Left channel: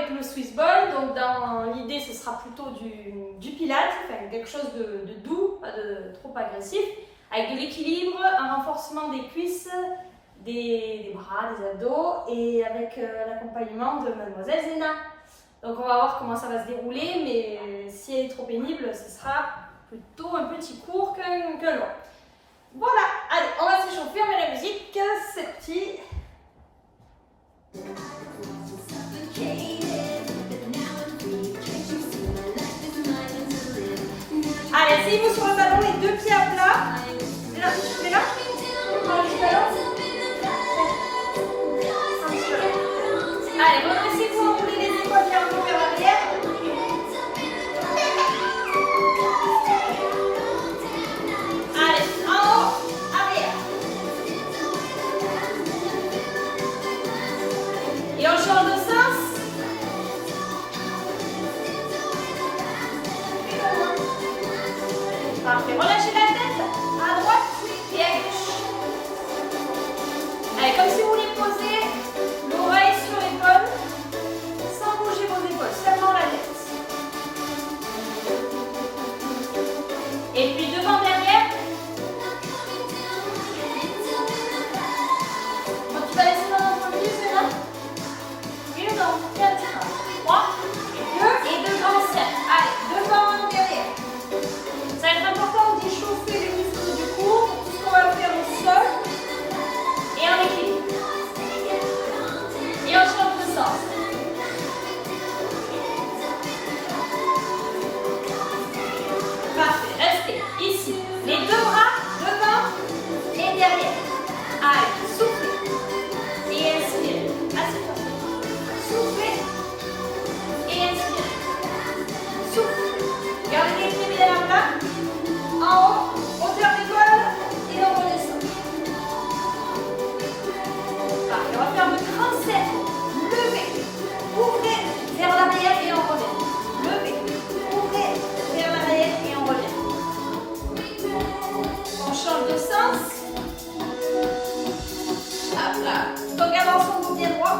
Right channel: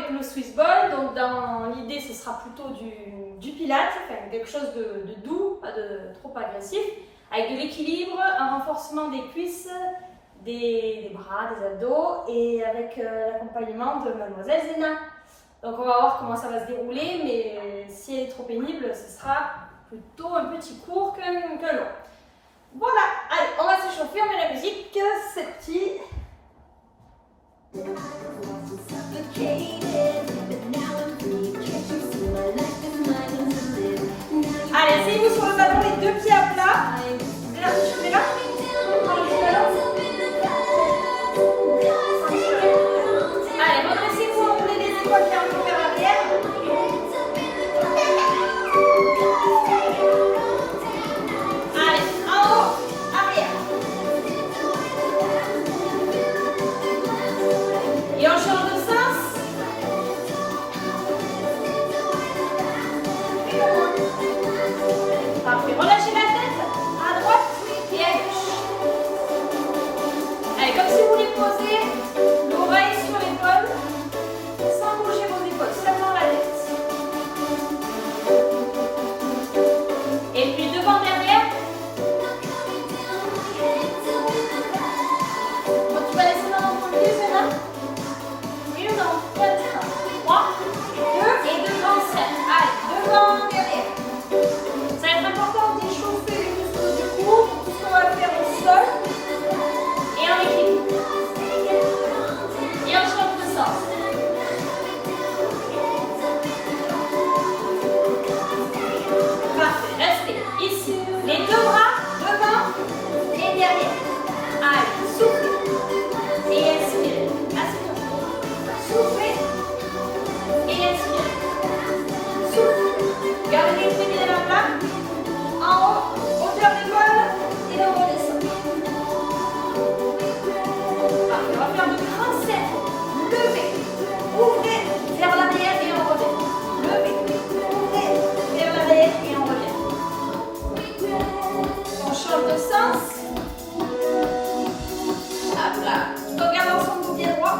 avec le Swiss Ball. Donc dans l'idée, ce sera plutôt du pilates, enfin, quelque chose de doux, pas de trop agressif, avec de l'équilibre, un renforcement des cuisses, des bras, des abdos et avec l'accompagnement de Mademoiselle Zena. Donc on va voir comment ça va se dérouler, mais si elle est trop pénible, ce sera plutôt un petit cours qu'un long. Voilà, allez, on va s'échauffer, on met la musique, c'est parti. Allez, asseyez-vous sur le ballon, les deux pieds à plat. Là, je fais là. Allez, redressez-vous, enroulez les épaules bien un peu vers l'arrière. Allez, en haut, arrière. Et on change de sens. Parfait, relâchez la tête à droite et à gauche. Allez, comme si vous voulez poser l'oreille sur l'épaule, sans bouger vos épaules, seulement la tête. Et puis devant, derrière. Bon, tu vas laisser dans l'entre pied, Zena? Oui ou non? 4, 3, 2 et 2 grands cercles. Allez, devant, derrière. Ça va être important d'échauffer les muscles du cou pour tout ce qu'on va faire au sol et en équilibre. Et on change de sens. Parfait, restez ici. Les deux bras devant et derrière. Allez, soufflez et inspirez. Assieds-toi. Soufflez et inspirez. Soufflez. Gardez les pieds bien à plat. En haut, hauteur d'épaule et on redescend. Parfait, on va faire de grands cercles. Levez, ouvrez vers l'arrière et on revient. Levez, ouvrez vers l'arrière et on revient. On change de sens. Hop là. Donc gardons son dos bien droit.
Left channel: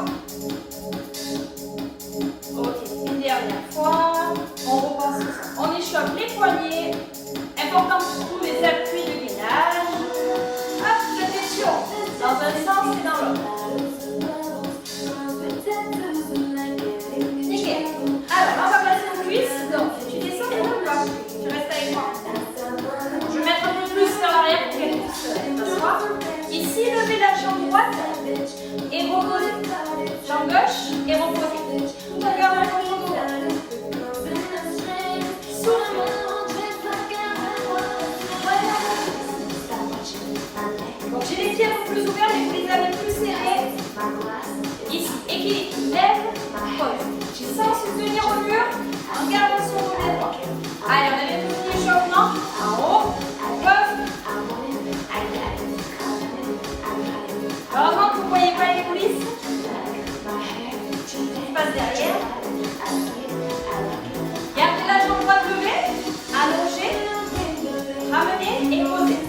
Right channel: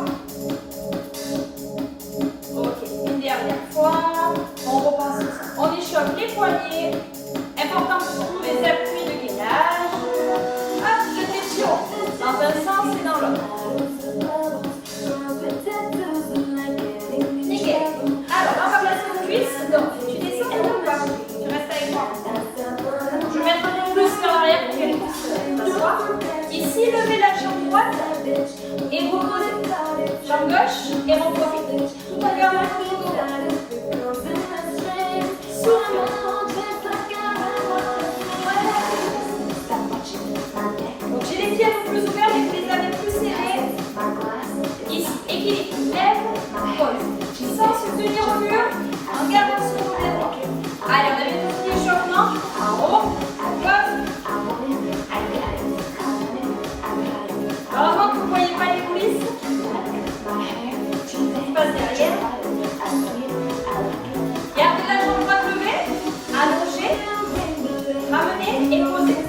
Ok, une dernière fois. On repasse. On échauffe les poignets. Important pour tous les appuis de gainage. Hop, je tension dans un sens et dans l'autre. Nickel. Alors, là, on va placer nos cuisses. Donc, tu descends ou pas? Tu restes avec moi. Je vais mettre un peu plus vers l'arrière pour qu'elle puisse s'asseoir. Ici, levez la jambe droite et reposez. Jambe gauche et reposez. Tout en gardant le dos droit. Souffle. Donc j'ai les pieds un peu plus ouverts, mais vous les avez plus serrés. Ici, équilibre, lève, pose. Sans se tenir au mur, en gardant son dos bien droit. Allez, on a les petits échauffements. En haut, pose. Heureusement que vous ne voyez pas les coulisses. Je passe derrière. Gardez la jambe droite levée, allongée, ramenez et posez.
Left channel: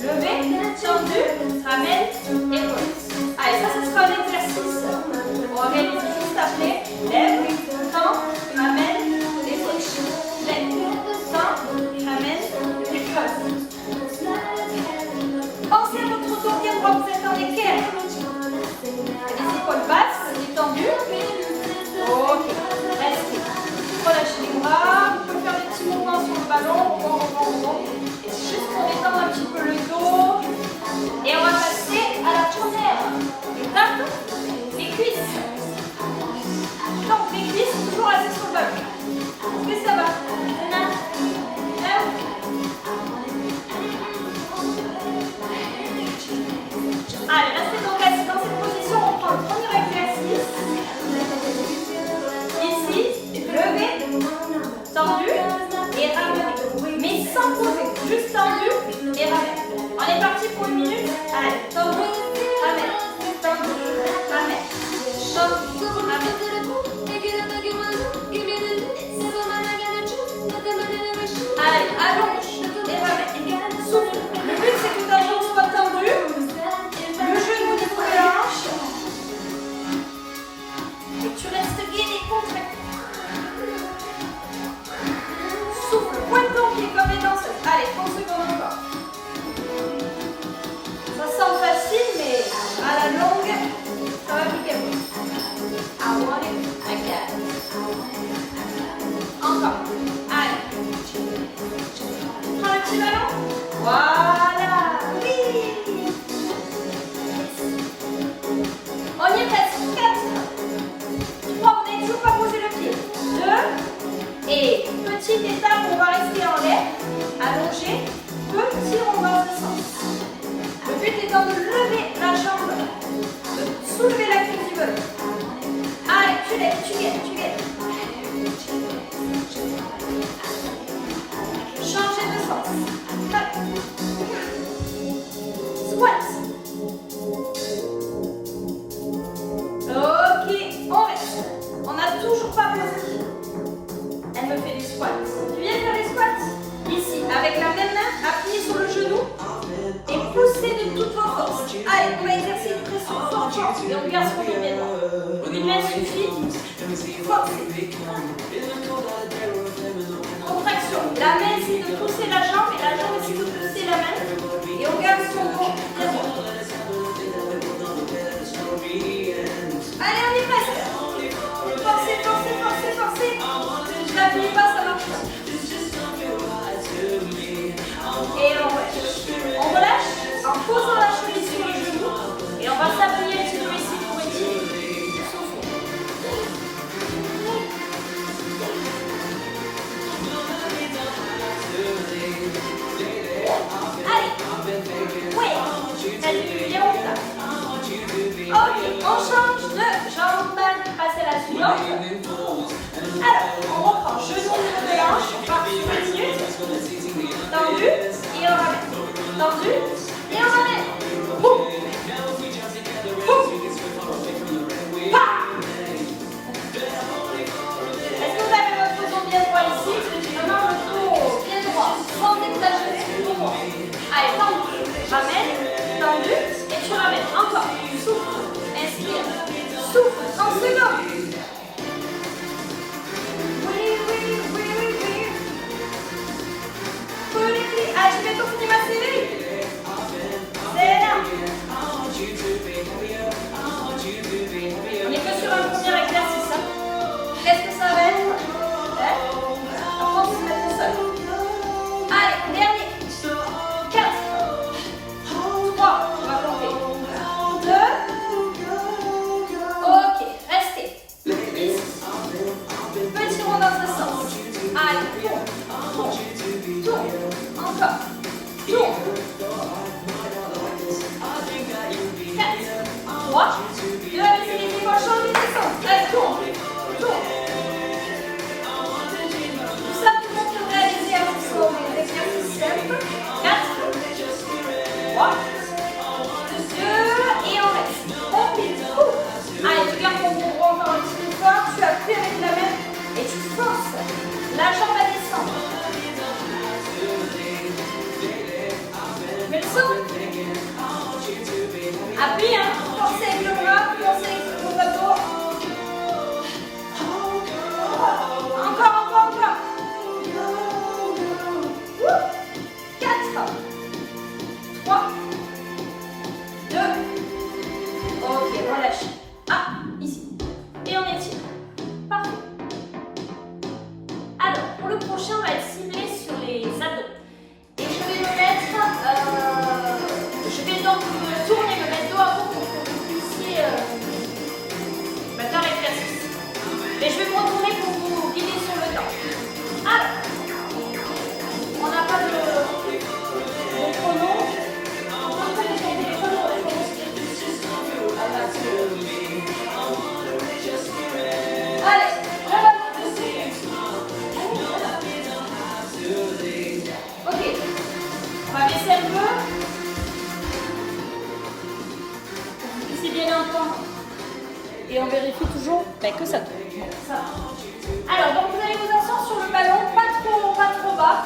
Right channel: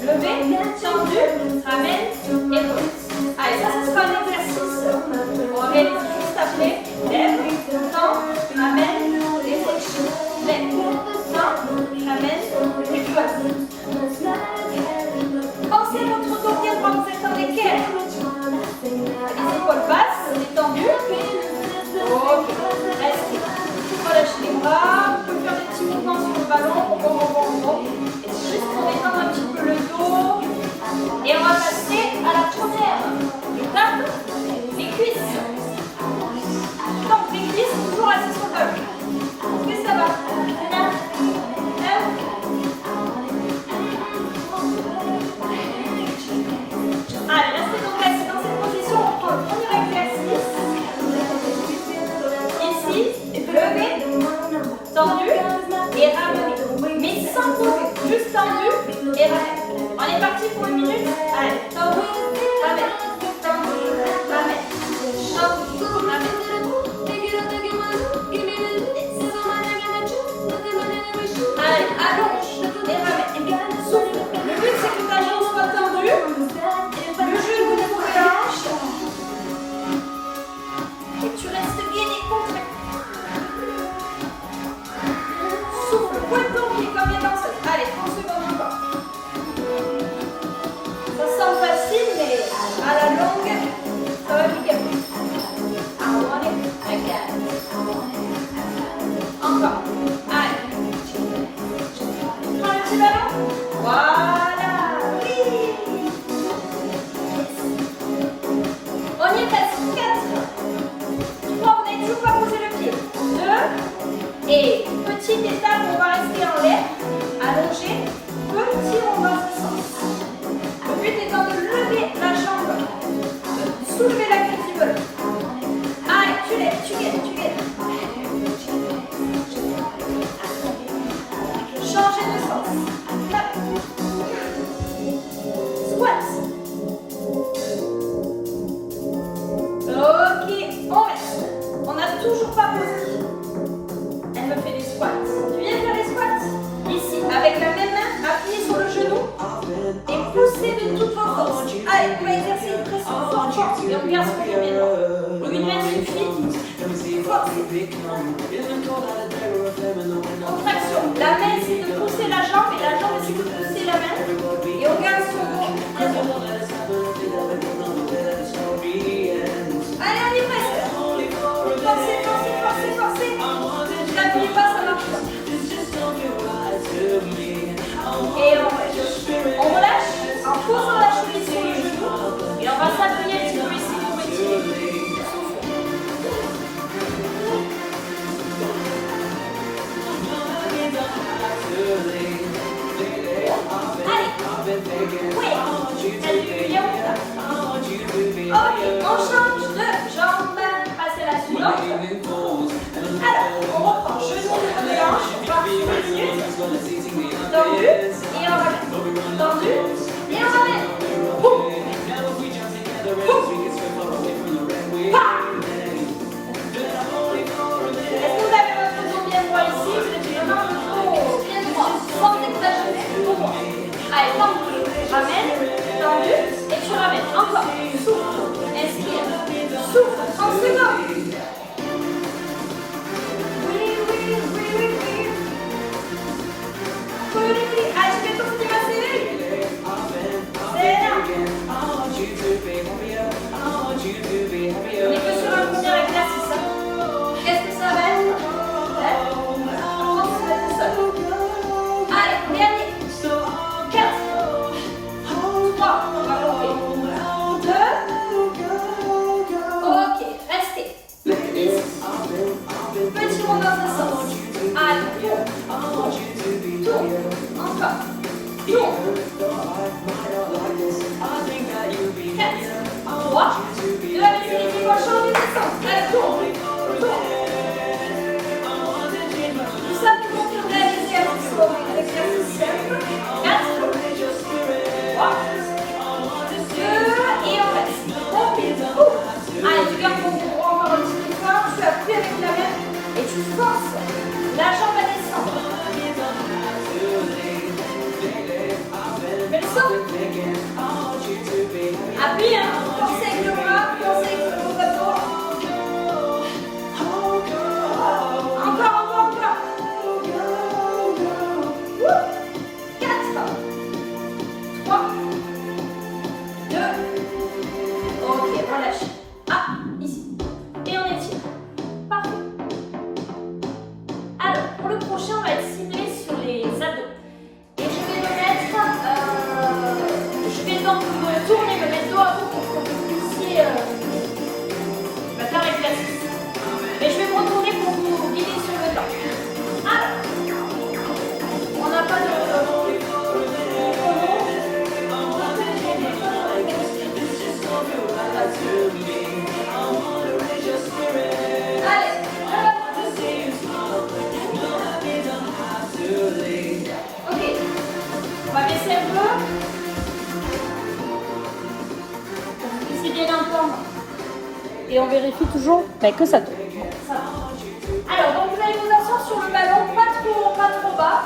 Levez, tendu, ramène et pose. Allez, ça sera un exercice. On réalise juste après. Lève, tend, ramène et pose. Lève, tend, ramène et pose. Pensez à votre dos bien droit, vous êtes en équerre. Les épaules basses, détendues. Ok, restez. Relâchez les bras. Vous pouvez faire des petits mouvements sur le ballon. Rebond. Et juste pour détendre un petit peu le dos. Et on va passer à la première étape, les cuisses. Donc les cuisses, toujours assis sur le ballon. Est-ce que ça va? Allez, restez donc assis dans cette position. On prend le premier exercice. Ici, levé, tendu et ramené. Mais sans poser, juste tendu et ramené. On est parti pour 1 minute. Allez, tendu, ramène, tendu, ramène, tendu, ramène. Allez, allonge et ramène. Souffle. Le but c'est que ta jambe soit tendue. Le genou au niveau de la hanche. Et tu restes gainé, contracté. allongé, petit rond dans ce sens. Le but étant de lever la jambe, de soulever la cuisse du volet. Allez, tu lèves, tu gagnes, tu gagnes. Changez de sens. Hop. Squat. Ok, on reste. On n'a toujours pas posé. Elle me fait des squats. Tu viens faire des squats? Ici, avec la même main, appuyez sur le genou et poussez de toute votre force. Allez, on va exercer une pression forte et on garde son dos bien droit. Une main suffit. Forcez. Contraction. La main essaie de pousser la jambe et la jambe essaie de pousser la main. Et on garde son dos bien droit. Allez, on est presque. Forcez, forcez, forcez, forcez. Je n'appuie pas, ça marche pas. Et on relâche en posant la cheville sur le genou. Et on va s'appuyer un petit peu ici pour étirer. Allez. Ouais. T'as du bien ou pas? Ok, on change de jambe. Passer à la suivante. Alors, on reprend genou au niveau de l'hanche. On part sur 1 minute. Tendu. Et on ramène. Tendu. Et on ramène. Poum. Poum. Pa. Est-ce que vous avez votre dos bien droit ici? Vous êtes vraiment le dos bien droit, sans exagérer, tout droit. Allez, tendu. Ramène. Tendu. Et tu ramènes. Encore. Souffle. Inspire. Souffle. 30 secondes. Oui, oui, oui, oui, oui. Ah, tu fais ton petit massé. C'est là. On est que sur un premier exercice. Qu'est-ce que ça va être? Apprends à se mettre seul. Allez, dernier. 4. 3. On va compter. 2. Ok, restez. Ici. Petit rond dans ce sens. Allez, tourne, tourne, tourne. Encore. Tourne. 4, 3, 2 avec les épaules, changez de sens. Allez, tourne, tourne. Tout ça pour qu'on réaliser avec des exercices simples. 4, 3, 2, et on reste. On pile. Allez, tu gardes ton bras encore un petit peu fort. Tu appuies avec la main et tu forces la jambe à descendre. Mais le son. Appuie, hein. Forcez avec le bras, forcez avec le bateau. Encore. 4, 3, 2. Ok, relâche. Ah, ici. Et on étire. Parfait. Alors, pour le prochain, on va être ciblé sur les abdos. Et je vais me mettre, je vais donc me tourner, me mettre dos à dos pour que vous puissiez faire l'exercice. Mais je vais me retourner pour vous guider sur le temps. Alors, on n'a pas de chrono. Allez, ok, on va baisser un peu. C'est bien entendre. Et on vérifie toujours que ça tourne. Bon, ça va. Alors, donc vous allez vous asseoir sur le ballon, pas trop bas.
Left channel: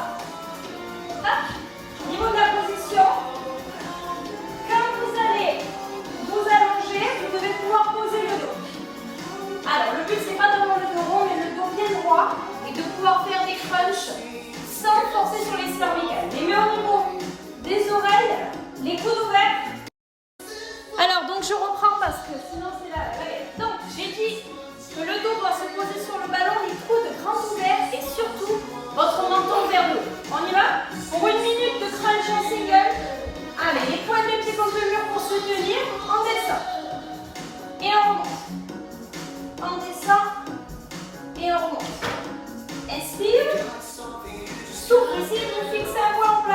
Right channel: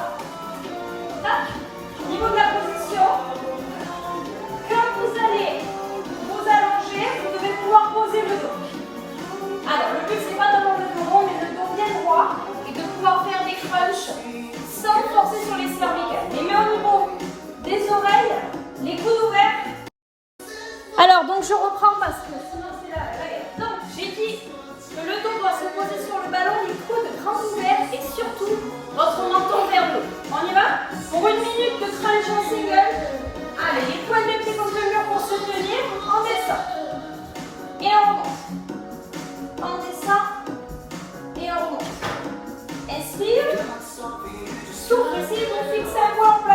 Tac. Au niveau de la position, quand vous allez vous allonger, vous devez pouvoir poser le dos. Alors, le but, c'est pas d'avoir le dos rond, mais le dos bien droit et de pouvoir faire des crunchs sans forcer sur les cervicales. Les mains au niveau des oreilles, les coudes ouverts. Alors, donc je reprends parce que sinon c'est la guerre. Donc, j'ai dit que le dos doit se poser sur le ballon, les coudes grands ouverts et surtout votre menton vers le haut. On y va? Pour 1 minute de crunch en single. Allez, les points de pied contre le mur pour se tenir. On descend. Et on remonte. On descend. Et on remonte. Inspire. Souffle. Essayez de fixer un point en place.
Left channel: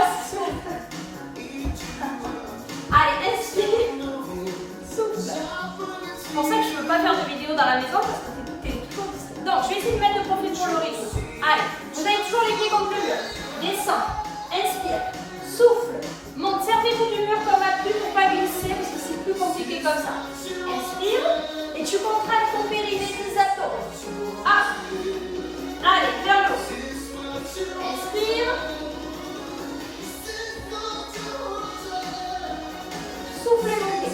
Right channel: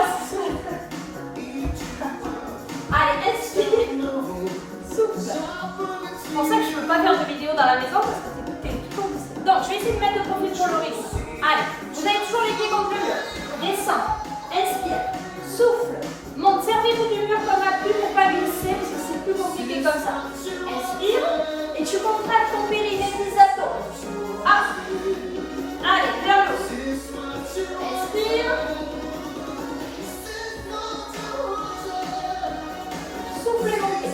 va se soumettre. Allez, inspire. Souffle. C'est pour ça que je ne peux pas faire de vidéo dans la maison parce que t'es toujours difficile. Donc, je vais essayer de mettre de profil pour le rythme. Allez, vous avez toujours les pieds contre le mur. Descends. Inspire. Souffle. Monte. Servez-vous du mur comme appui pour ne pas glisser parce que c'est plus compliqué comme ça. Inspire. Et tu contractes ton périnée, tes abdos. Ah. Allez, vers le haut. Inspire. Soufflez, montez.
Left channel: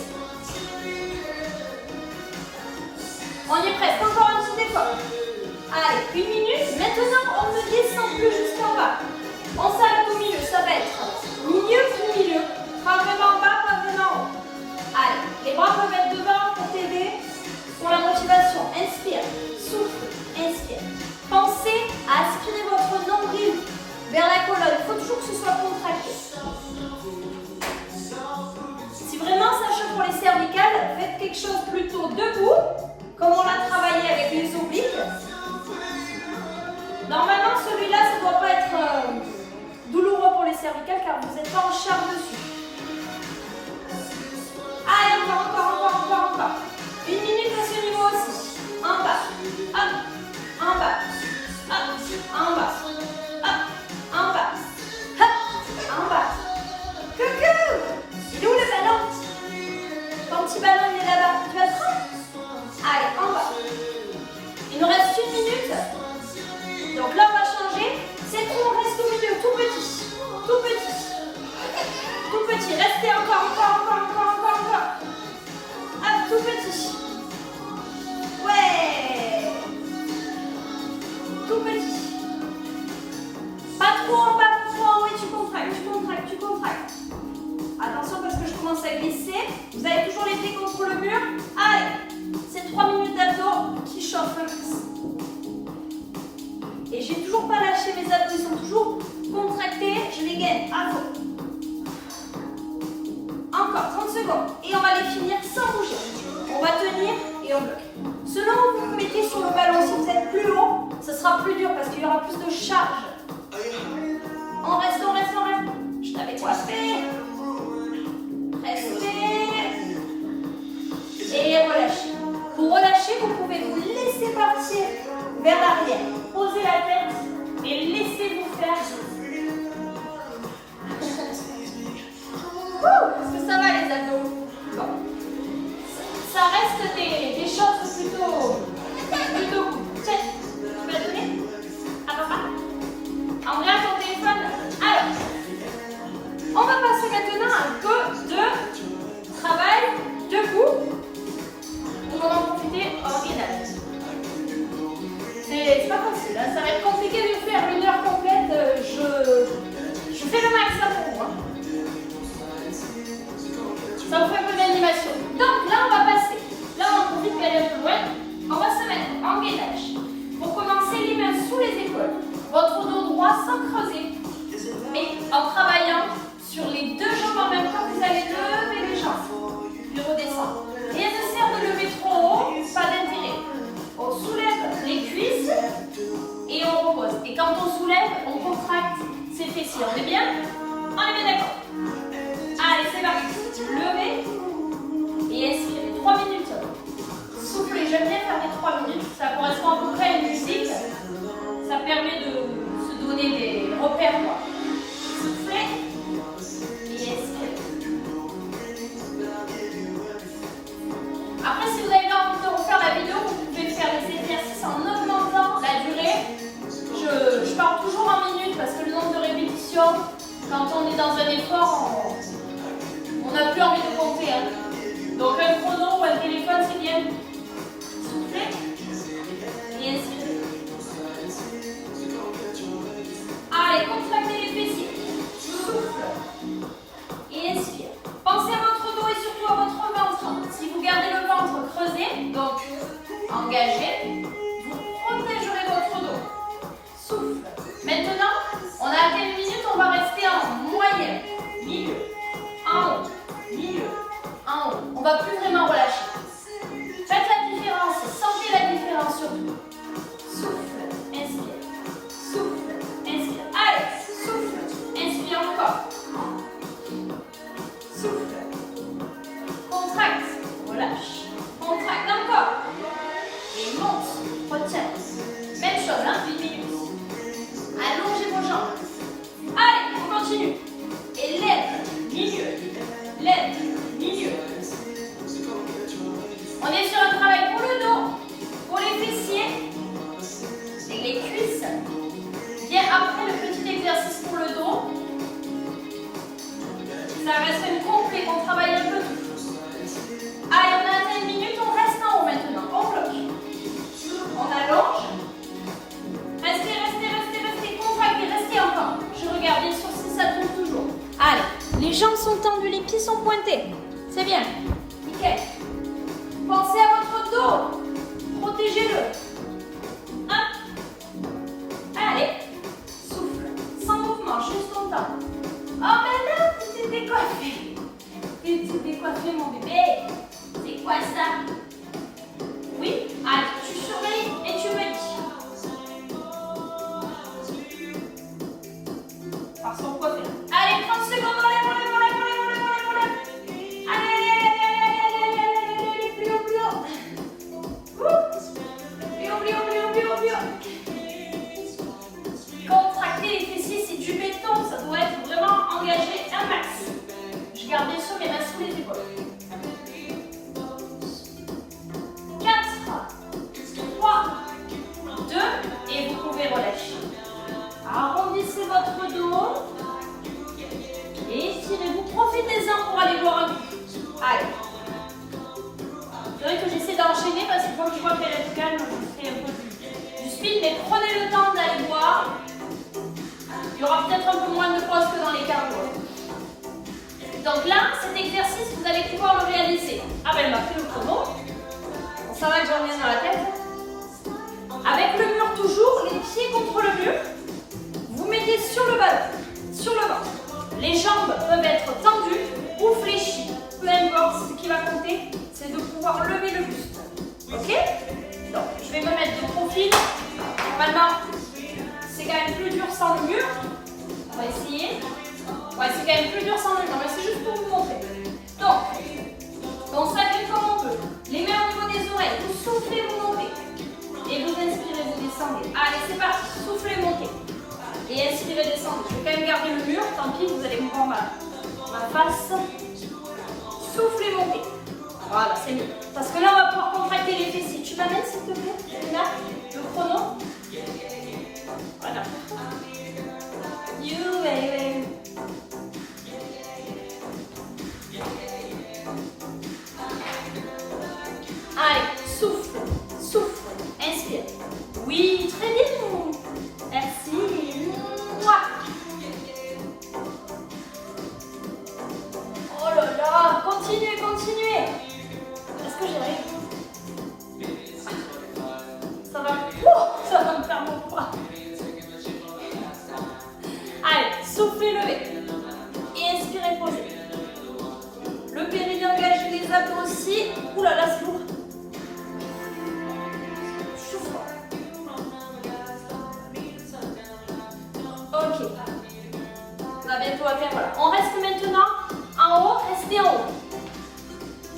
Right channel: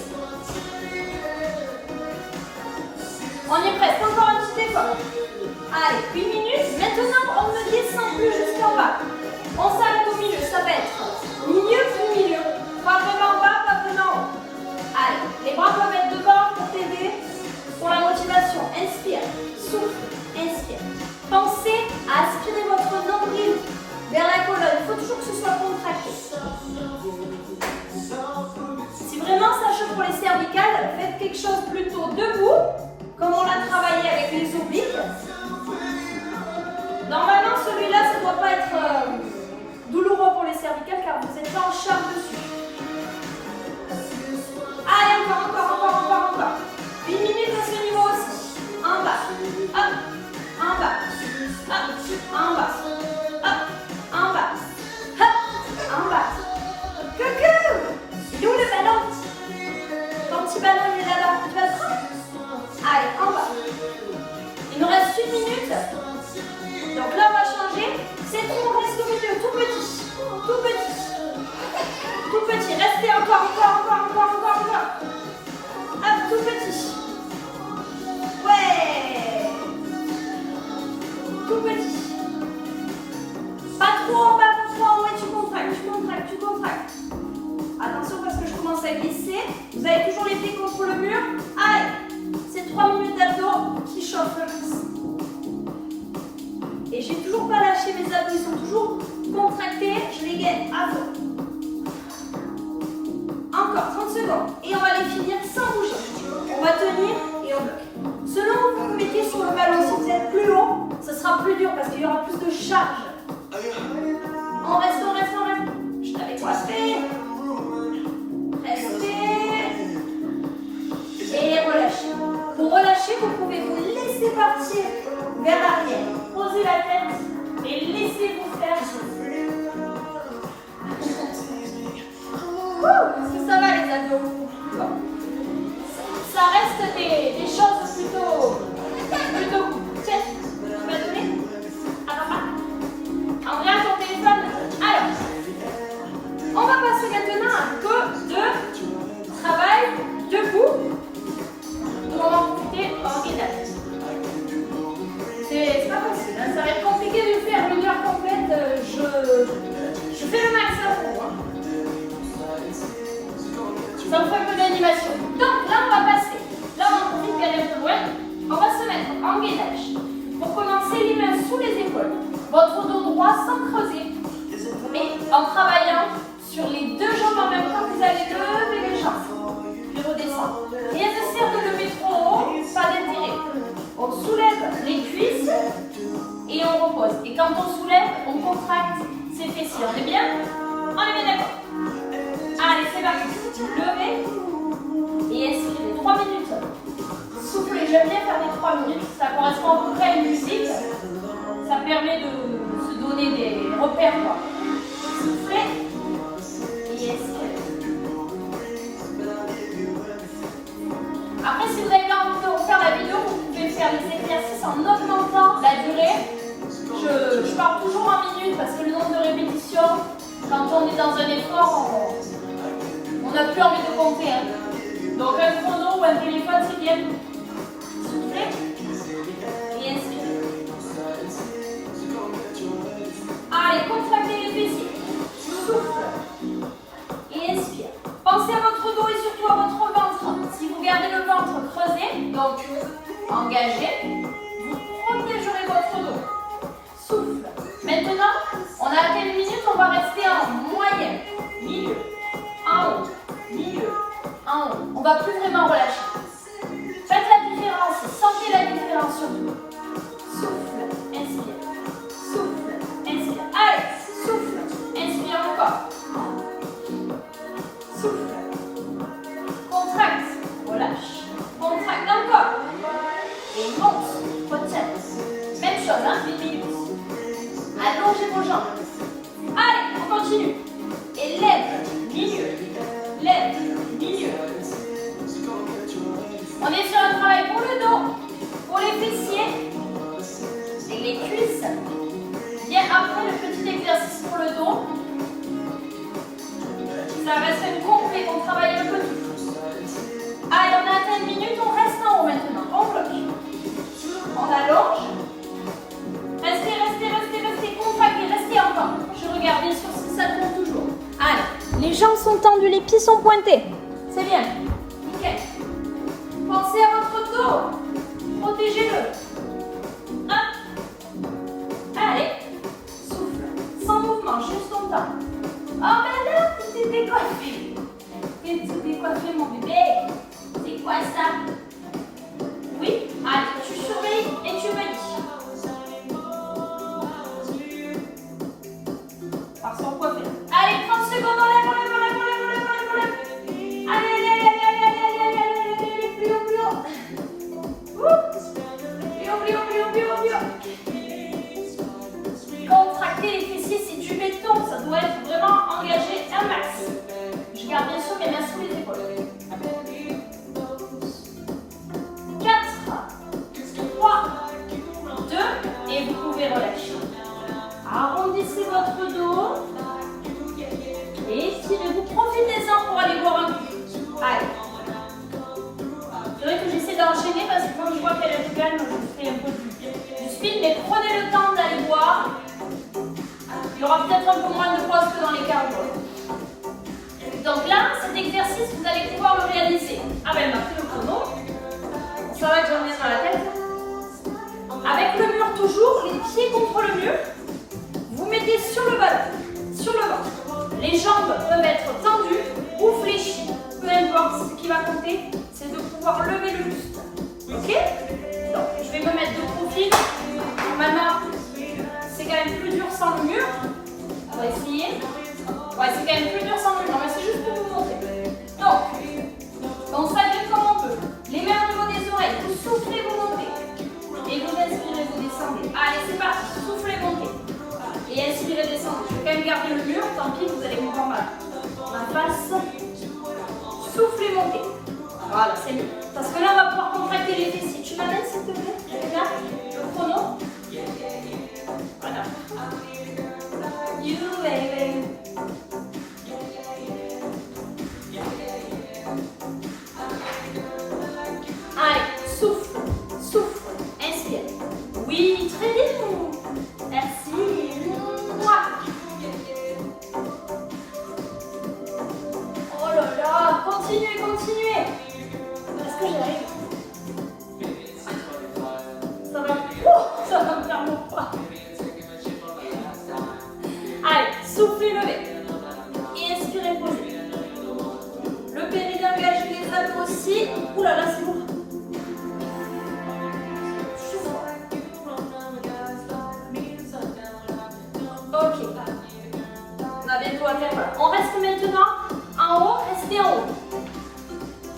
On y est presque. Encore un petit effort. Allez, 1 minute. Maintenant, on ne descend plus jusqu'en bas. On s'arrête au milieu. Ça va être milieu puis milieu. Pas vraiment bas, pas vraiment haut. Allez, les bras peuvent être devant pour t'aider pour la motivation. Inspire. Souffle. Inspire. Pensez à aspirer votre nombril vers la colonne. Il faut toujours que ce soit contracté. Si vraiment ça choque pour les cervicales, faites quelque chose plutôt debout, comme on l'a travaillé avec les obliques. Normalement, celui-là, ça ne doit pas être douloureux pour les cervicales car vous n'êtes pas en charge dessus. Allez, encore. 1 minute à ce niveau aussi. En bas. Hop. En bas. Hop. En bas. Hop. En bas. Hop. En bas. Coucou. Il est où le ballon? Ton petit ballon, il est là-bas. Tu vas le prendre? Allez, en bas. Il nous reste 1 minute. Donc là, on va changer. C'est tout, on reste au milieu. Tout petit. Tout petit. Tout petit. Restez encore. Hop, tout petit. Ouais. Tout petit. Pas trop en bas, pas trop en haut et tu contractes. Attention parce que je commence à glisser. Vous avez toujours les pieds contre le mur. Allez, c'est 3 minutes d'abdos qui chauffent le plus. Et j'ai toujours pas lâché mes abdos, ils sont toujours contractés. Je les gagne à fond. Encore 30 secondes. Et on va les finir sans bouger. On va tenir et on bloque. Selon où vous vous mettez sur le ballon, si vous êtes plus haut, ce sera plus dur parce qu'il y aura plus de charge. On reste. Je t'avais coiffé. Restez. Et relâchez. Pour relâcher, vous pouvez vous laisser partir vers l'arrière. Posez la tête et laissez-vous faire. Est-ce que ça va les abdos? Bon. Ça reste des choses plutôt cool. Tiens, tu peux la donner à papa? Andrea, ton téléphone. Alors, on va passer maintenant à un peu de travail debout. Où on va profiter en gainage. C'est pas facile, hein. Ça va être compliqué de faire 1 heure complète. Je fais le max à vous. Hein. Ça vous fait un peu d'animation. Donc là, on va passer. Là, on profite d'aller un peu loin. On va se mettre en gainage. Pour commencer, les mains sous les épaules. Votre dos droit sans creuser. Mais en travaillant sur les 2 jambes en même temps, vous allez lever les jambes. Puis redescendre. Rien ne sert de lever trop haut, pas d'intérêt. On soulève les cuisses et on repose. Et quand on soulève, on contracte ses fessiers. On est bien? On est bien d'accord. Allez, c'est parti. Levez et expirez. 3 minutes. Soufflez. J'aime bien faire les 3 minutes. Ça correspond à peu près à une musique. Ça permet de se donner des repères, quoi. Soufflez et expirez. Après, si vous avez envie de refaire la vidéo, vous pouvez faire les exercices en augmentant la durée. Je parle toujours en minutes parce que le nombre de répétitions, quand on est dans un effort, on n'a plus envie de compter. Hein. Donc un chrono ou un téléphone, c'est bien. Soufflez et inspirez. Allez, contractez les fessiers. Souffle et inspire. Pensez à votre dos et surtout à votre ventre. Si vous gardez le ventre creusé, donc engagé, vous protégerez votre dos. Souffle. Maintenant, on a atteint 1 minute, on va rester en moyenne. Milieu, en haut, milieu, en haut. On ne va plus vraiment relâcher. Faites la différence, sentez la différence surtout. Souffle, inspire. Souffle, inspire. Allez, souffle, inspire encore. faire rester une complète, on travaille un peu tout. Allez, on a atteint 1 minute, on reste en haut maintenant. On bloque. On allonge. Restez, restez, restez, restez, contractez, restez encore. Je regarde bien sûr si ça tourne toujours. Allez, les jambes sont tendues, les pieds sont pointés. C'est bien. Nickel. Pensez à votre dos. Protégez-le. Hop. Allez. Souffle. Sans mouvement, juste ton temps. Oh, mais là, tu t'es décoiffé. Tu t'es décoiffé, mon bébé. C'est quoi ça? Oui. Allez, tu surveilles et tu me dis. Par son coiffeur. Allez, 30 secondes, on lève, on lève, on lève, on lève, on lève, on lève, on lève. Allez, allez, allez, allez, allez, allez, allez, allez, allez, allez, plus haut, plus haut. Plus haut, plus haut, plus haut, plus haut, plus haut. Contracter les fessiers, c'est du béton, ça doit être vraiment engagé un max. Je garde bien sûr mes mains sous les épaules. 4, 3, 2, et vous pouvez relâcher. Arrondissez votre dos. Et étirez-vous. Profitez-en pour aller boire un coup. Allez. C'est vrai que j'essaie d'enchaîner parce que comme je vois qu'elle est calme, je fais un peu du speed. Mais prenez le temps d'aller boire. Il y aura peut-être un peu moins de pause que dans les cardio. Donc là, cet exercice, vous allez pouvoir le réaliser. Ah ben, elle m'a pris le chrono. Ça va que j'en ai dans la tête. Avec le mur toujours, les pieds contre le mur. Vous mettez sur le ballon, sur le ventre. Les jambes peuvent être tendues ou fléchies. Peu importe, ce qui va compter, c'est de pouvoir lever le buste. Ok? Donc, je vais me mettre de profil. Normalement, c'est quand même plus dur sans le mur. On va essayer. Ouais, c'est quand même plus dur sans le mur, mais c'est juste pour vous montrer. Donc, on s'agrège comme on peut. Les mains au niveau des oreilles. Vous soufflez, vous montez. Et vous inspirez, vous descendez. Allez, c'est parti. Soufflez, montez. Et inspirez, descendez. Je vais quand même garder le mur. Tant pis, vous allez me voir mal. La face. Soufflez, montez. Voilà, c'est mieux. Parce que là, on va pouvoir contracter les fessiers. Tu m'amènes, s'il te plaît? Regarde le chrono. Voilà. You, baby. Allez, souffle, souffle, inspire. Oui, très bien. Merci. Mouah. Oh là là, continuez, continuez. Est-ce que j'arrive? Ça va me faire mon poids. Allez, soufflez, levez. Et inspirez, posez. Le périnée engage les abdos aussi. Ouh là là, c'est lourd. Ok. On a bientôt à faire. Voilà. On reste maintenant en haut. Restez en haut.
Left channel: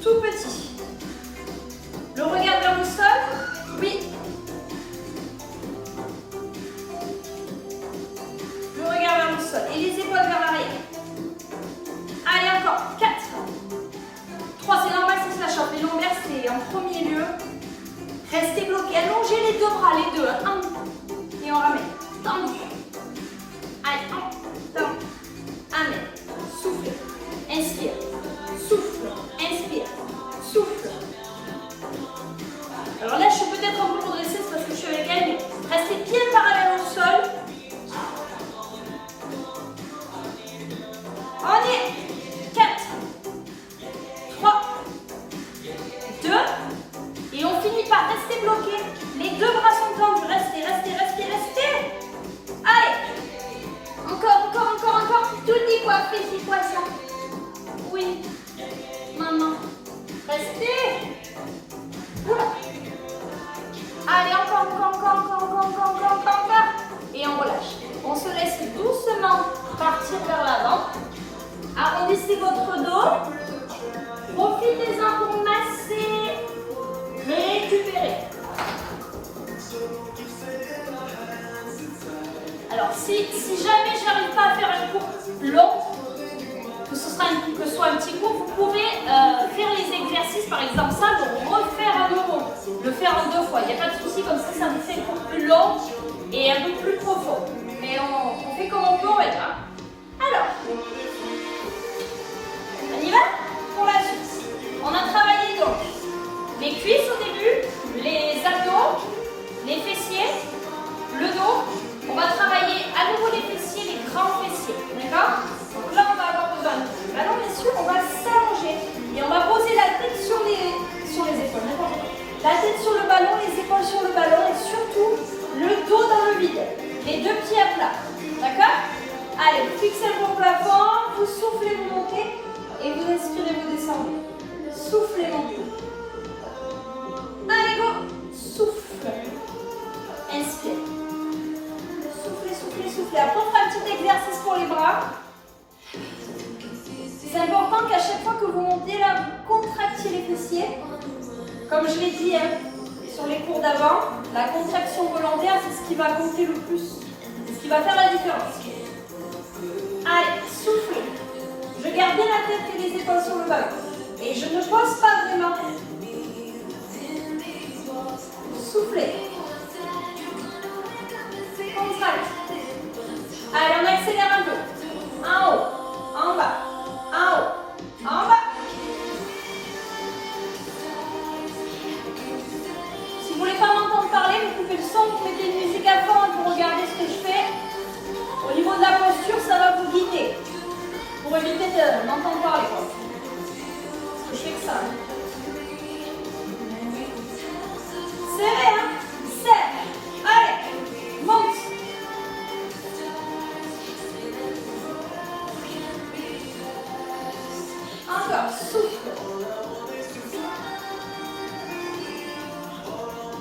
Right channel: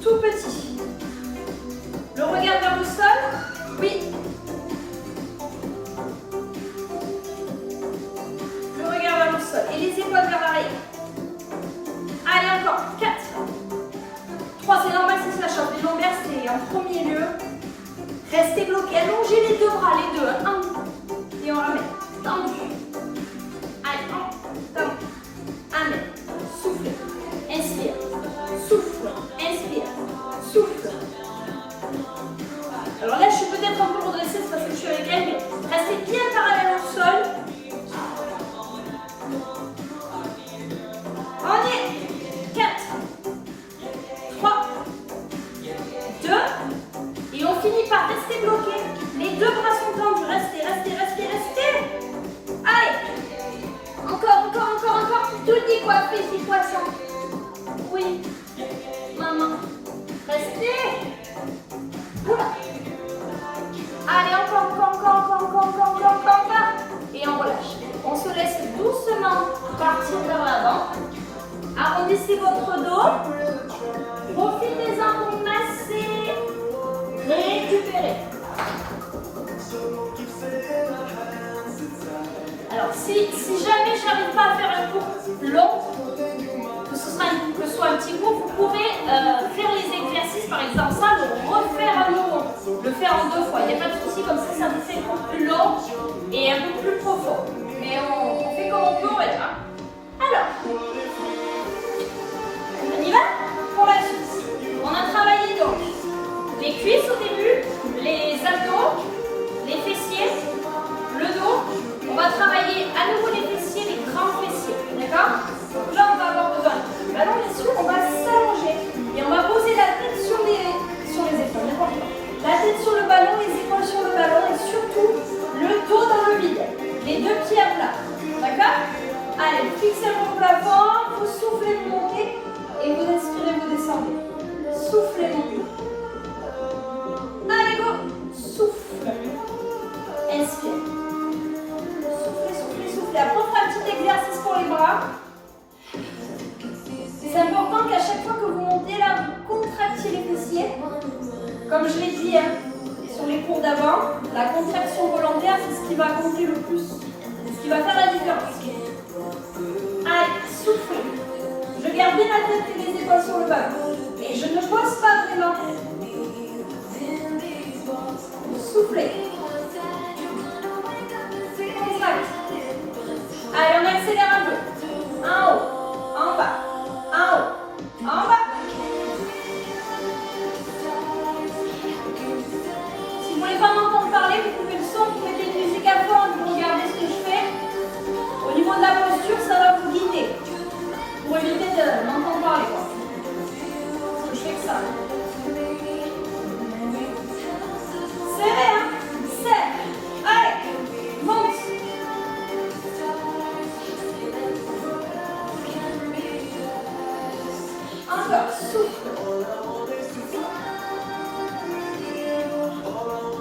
Tout petit. Le regard vers le sol. Oui. Le regard vers le sol. Et les épaules vers l'arrière. Allez, encore. 4. 3, c'est normal si ça chauffe. Les lombaires, c'est en premier lieu. Restez bloqués. Allongez les deux bras, les deux. Un. Et on ramène. Tendu. Allez, un. Tendu. Amène. Souffle. Inspire. Souffle. Inspire. Souffle. Alors là, je suis peut-être un peu redressée, c'est parce que je suis avec elle, mais restez bien parallèle au sol. On y est. 4, 3, 2, et on finit par rester bloqué. Les deux bras sont tendus. Restez, restez, restez, restez. Allez. Encore, encore, encore, encore. Tout décoiffé, c'est quoi ça? Oui. Maman. Restez. Oula. Allez, encore, encore, encore, encore, encore, encore, encore, encore, encore. Et on relâche. On se laisse doucement partir vers l'avant. Arrondissez votre dos. Profitez-en pour masser. Récupérez. Alors, si jamais j'arrive pas à faire un cours long, que ce soit un petit cours, vous pouvez faire les exercices, par exemple ça, le refaire à nouveau, le faire en 2 fois. Il n'y a pas de souci, comme ça vous fait un cours plus long et un peu plus profond. Mais on fait comme on peut, on va dire. Alors, soufflez, vous montez. Et vous inspirez, vous descendez. Soufflez, montez. Allez, go. Souffle. Inspire. Soufflez, soufflez, soufflez. Après, on fera un petit exercice pour les bras. C'est important qu'à chaque fois que vous montez là, vous contractiez les fessiers. Comme je l'ai dit sur les cours d'avant, la contraction volontaire, c'est ce qui va compter le plus. C'est ce qui va faire la différence. Allez, soufflez. Je garde bien la tête et les épaules sur le ballon. Et je ne pose pas vraiment. Soufflez. Contracte. Allez, on accélère un peu. En haut, en bas. En haut, en bas. Si vous ne voulez pas m'entendre parler, vous coupez le son, vous mettez une musique à fond et vous regardez ce que je fais. Au niveau de la posture, ça va vous guider. Pour éviter de m'entendre parler, quoi. Parce que je fais que ça. Serrez, hein. Serre. Allez, monte. Encore, souffle.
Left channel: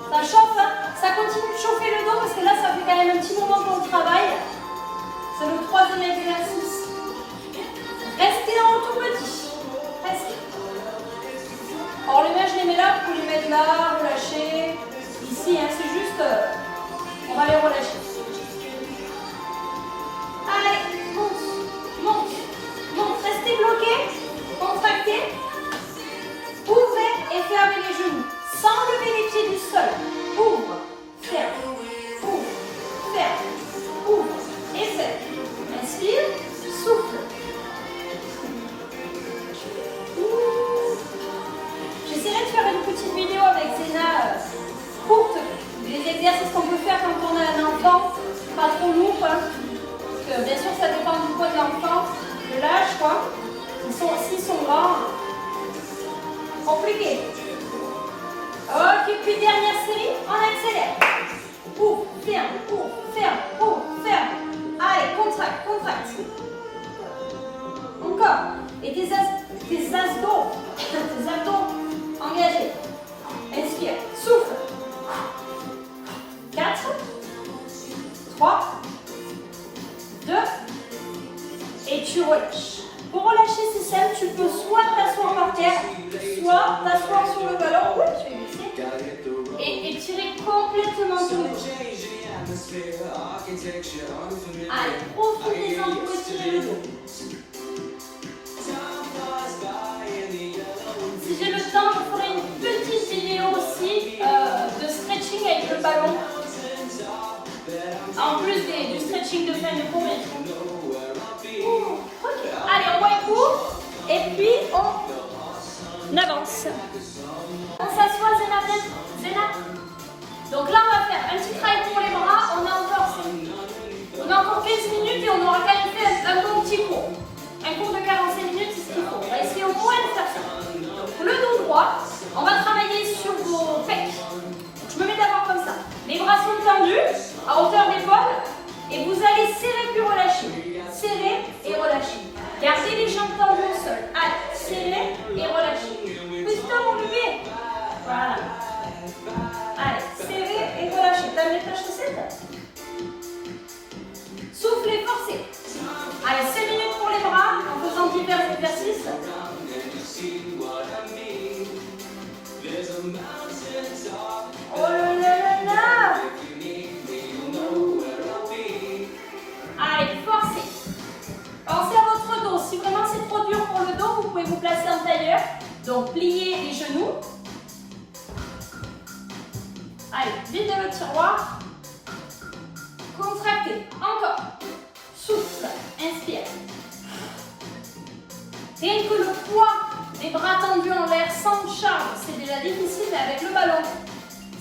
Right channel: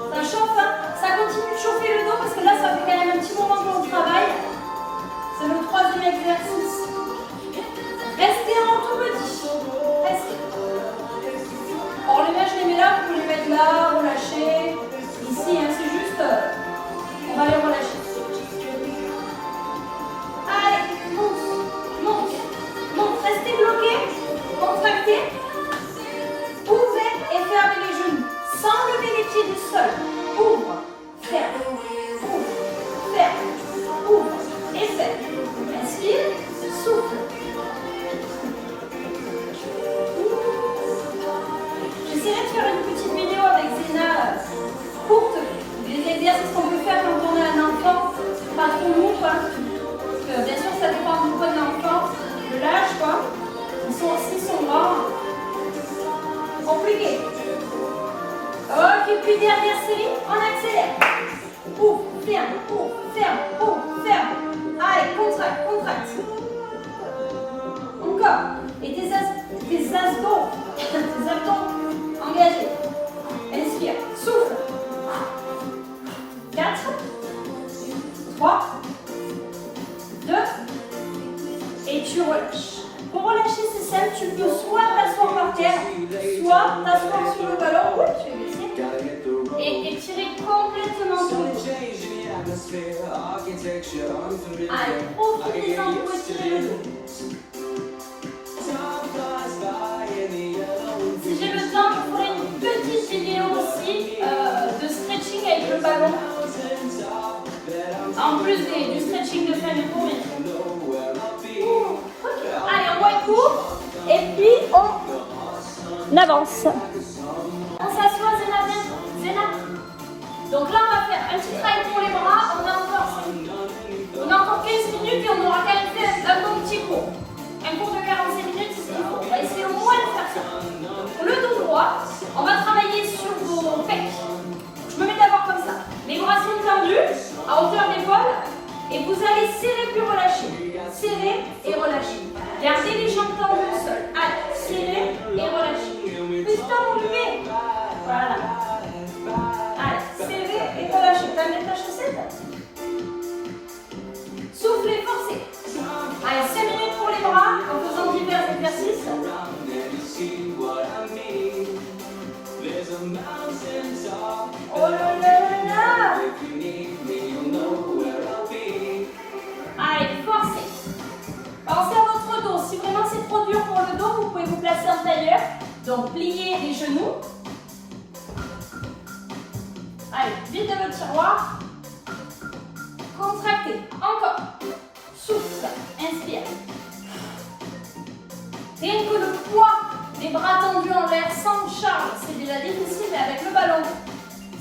Ça chauffe, hein. Ça continue de chauffer le dos parce que là, ça fait quand même un petit moment qu'on travaille. C'est le 3e exercice. Restez en tout petit. Restez. Or, les mains, je les mets là, vous pouvez les mettre là, relâcher. Ici, hein, c'est juste, on va les relâcher. Allez, monte, monte, monte. Restez bloqué, contractez. Ouvrez et fermez les genoux. Sans lever les pieds du sol. Ouvre, ferme, ouvre, ferme, ouvre et ferme. Inspire, souffle. J'essaierai de faire une petite vidéo avec Zéna courte, des exercices qu'on peut faire quand on a un enfant, pas trop lourd, hein. Parce que bien sûr ça dépend du poids de l'enfant, de l'âge, quoi. S'ils sont grands, compliqué. Ok, puis dernière série, on accélère. Ouvre, ferme, ouvre, ferme, ouvre, ferme. Allez, contracte, contracte. Encore. Et tes abdos, tes abdos engagés. Inspire, souffle. 4, 3, 2, et tu relâches. Pour relâcher, c'est simple, tu peux soit t'asseoir par terre, soit t'asseoir sur le ballon, tu fais baisser, et étirer complètement ton dos. Allez, profitez-en pour étirer le dos. Si j'ai le temps, je ferai une petite vidéo aussi de stretching avec le ballon. En plus du stretching de fin de cours, bien sûr. Okay. Allez, on boit un coup et puis on avance. On s'assoit, Zéna, viens. Zéna. Donc là, on va faire un petit travail pour les bras. On a encore 15 minutes et on aura quand même fait un bon petit cours. Un cours de 45 minutes, c'est ce qu'il faut. On va essayer au moins de faire ça. Donc pour le dos droit, on va travailler sur vos pecs. Je me mets d'abord comme ça. Les bras sont tendus, à hauteur d'épaule. Et vous allez serrer puis relâcher. Serrer et relâcher. Gardez les jambes tendues au sol. Allez, serrer et relâcher. Putain, mon bébé. Voilà. Allez, serrer et relâcher. T'as mis ta chaussette? Soufflez, forcez. Allez, 5 minutes pour les bras en faisant divers exercices. Oh là là là là. Allez, forcez. Pensez à votre dos. Si vraiment c'est trop dur pour le dos, vous pouvez vous placer en tailleur. Donc, pliez les genoux. Allez, vide de votre tiroir. Contractez. Encore. Souffle. Inspire. Rien que le poids des bras tendus en l'air sans charge, c'est déjà difficile, mais avec le ballon,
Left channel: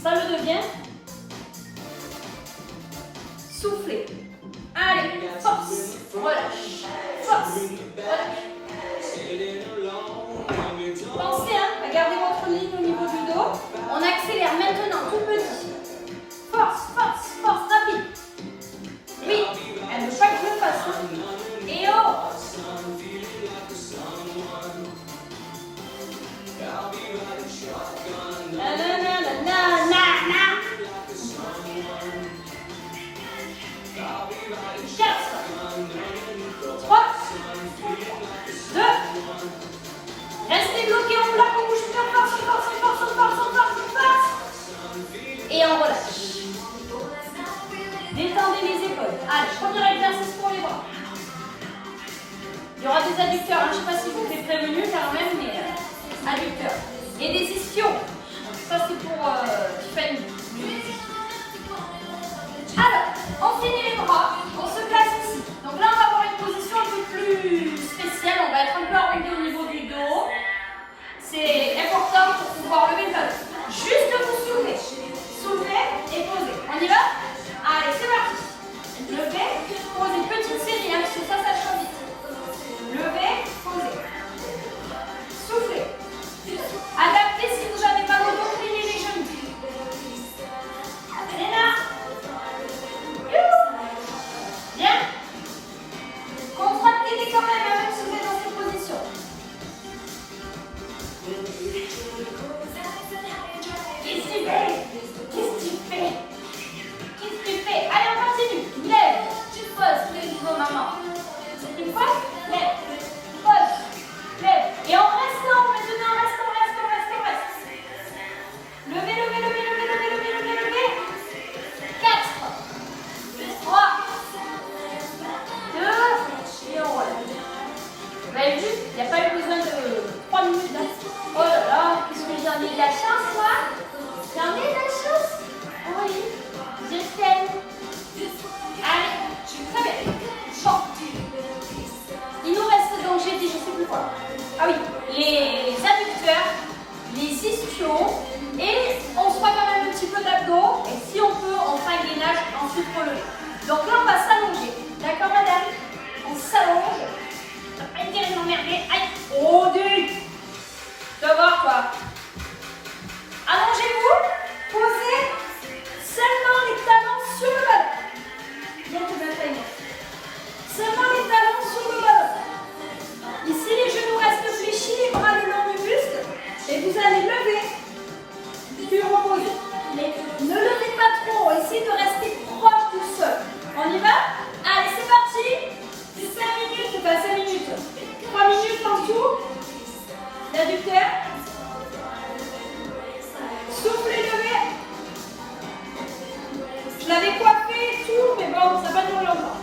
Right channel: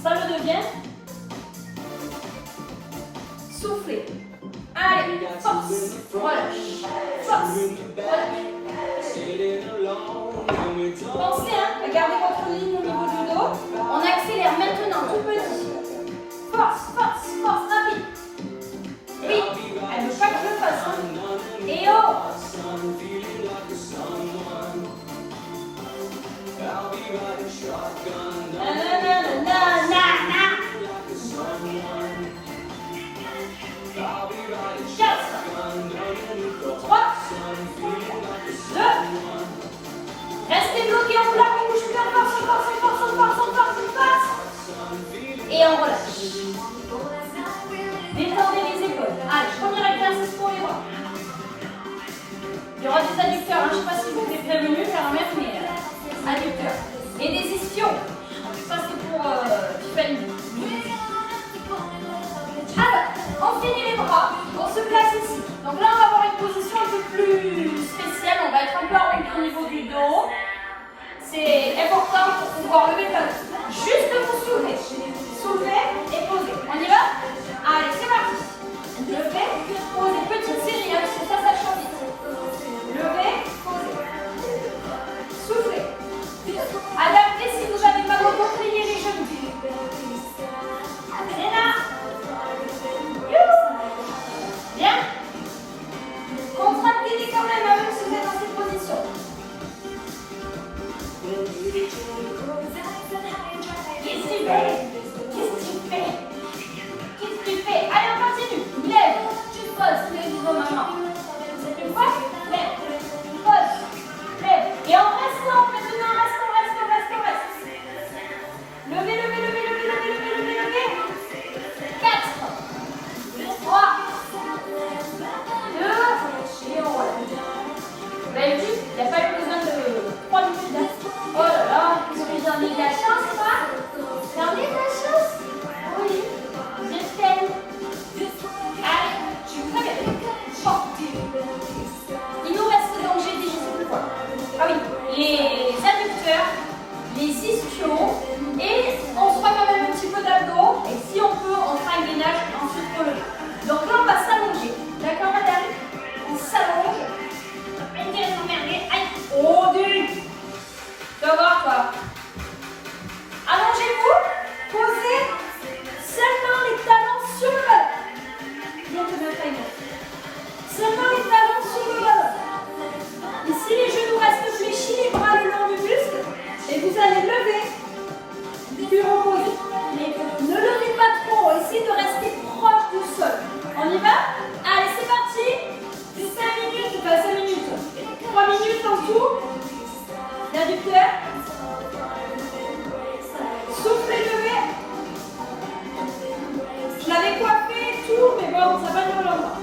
ça le devient. Soufflez. Allez, force, relâche, force, relâche. Pensez à garder votre ligne au niveau du dos. On accélère maintenant tout petit. Force, force, force, rapide. Oui, elle ne veut pas que je le fasse. Hein. Et oh. Na na na na na na na. 4, 3, 2. Restez bloqués, on bloque, on bouge plus, on force, on force, on force, on force, on force, on force. Et on relâche. Détendez les épaules. Allez, premier exercice pour les bras. Il y aura des adducteurs, hein. Je ne sais pas si je vous ai prévenu quand même, mais adducteurs. Et des ischios. Ça c'est pour Tiffany. Alors, on finit les bras, on se place ici. Donc là on va avoir une position un peu plus spéciale, on va être un peu arrondi au niveau du dos. C'est important pour pouvoir lever le talon. Juste vous soulevez. Soulevez et posez. On y va? Allez, c'est parti. Levez, posez. Petite série, hein, parce que ça change vite. Levez, posez. Soufflez. Adaptez si vous avez mal au dos, pliez les genoux. C'est là. Bien. Contractez-les quand même, même si vous êtes dans cette position. Qu'est-ce que tu fais? Qu'est-ce que tu fais? Qu'est-ce que tu fais? Allez, on continue. Lève, tu poses, lève vos mamans. Tu poses, lève, pose, lève. Et en restant, maintenant, reste. Levez, levez, levez, levez, levez, levez, levez, levez. 4, 3, 2, et on relâche. Vous avez vu, il n'y a pas eu besoin de 3 minutes. Hein. Oh là là, qu'est-ce que j'en ai de la chance, moi? J'en ai de la chance? Oui, je t'aime. Allez, très bien. Bon. Il nous reste donc, j'ai dit, je ne sais plus quoi. Ah oui, les adducteurs, les ischios, et on se fera quand même un petit peu d'abdos, et si on peut, on fera un gainage ensuite pour le lever. Donc là, on va s'allonger. D'accord, madame? On s'allonge. On n'a pas une gueule s'emmerder. Aïe! Oh, Dieu! Tu vas voir quoi? Allongez-vous. Posez seulement les talons sur le ballon. Bien que même pas une autre. Seulement les talons sur le ballon. Ici, les genoux restent fléchis, les bras le long du buste. Et vous allez lever. Puis reposer. Mais ne levez pas trop. Essayez de rester proche du sol. On y va? Allez, c'est parti. 5 minutes, pas 5 minutes. 3 minutes en tout. L'adducteur. Soufflez, levez. Je l'avais coiffé et tout, mais bon, ça va durer longtemps.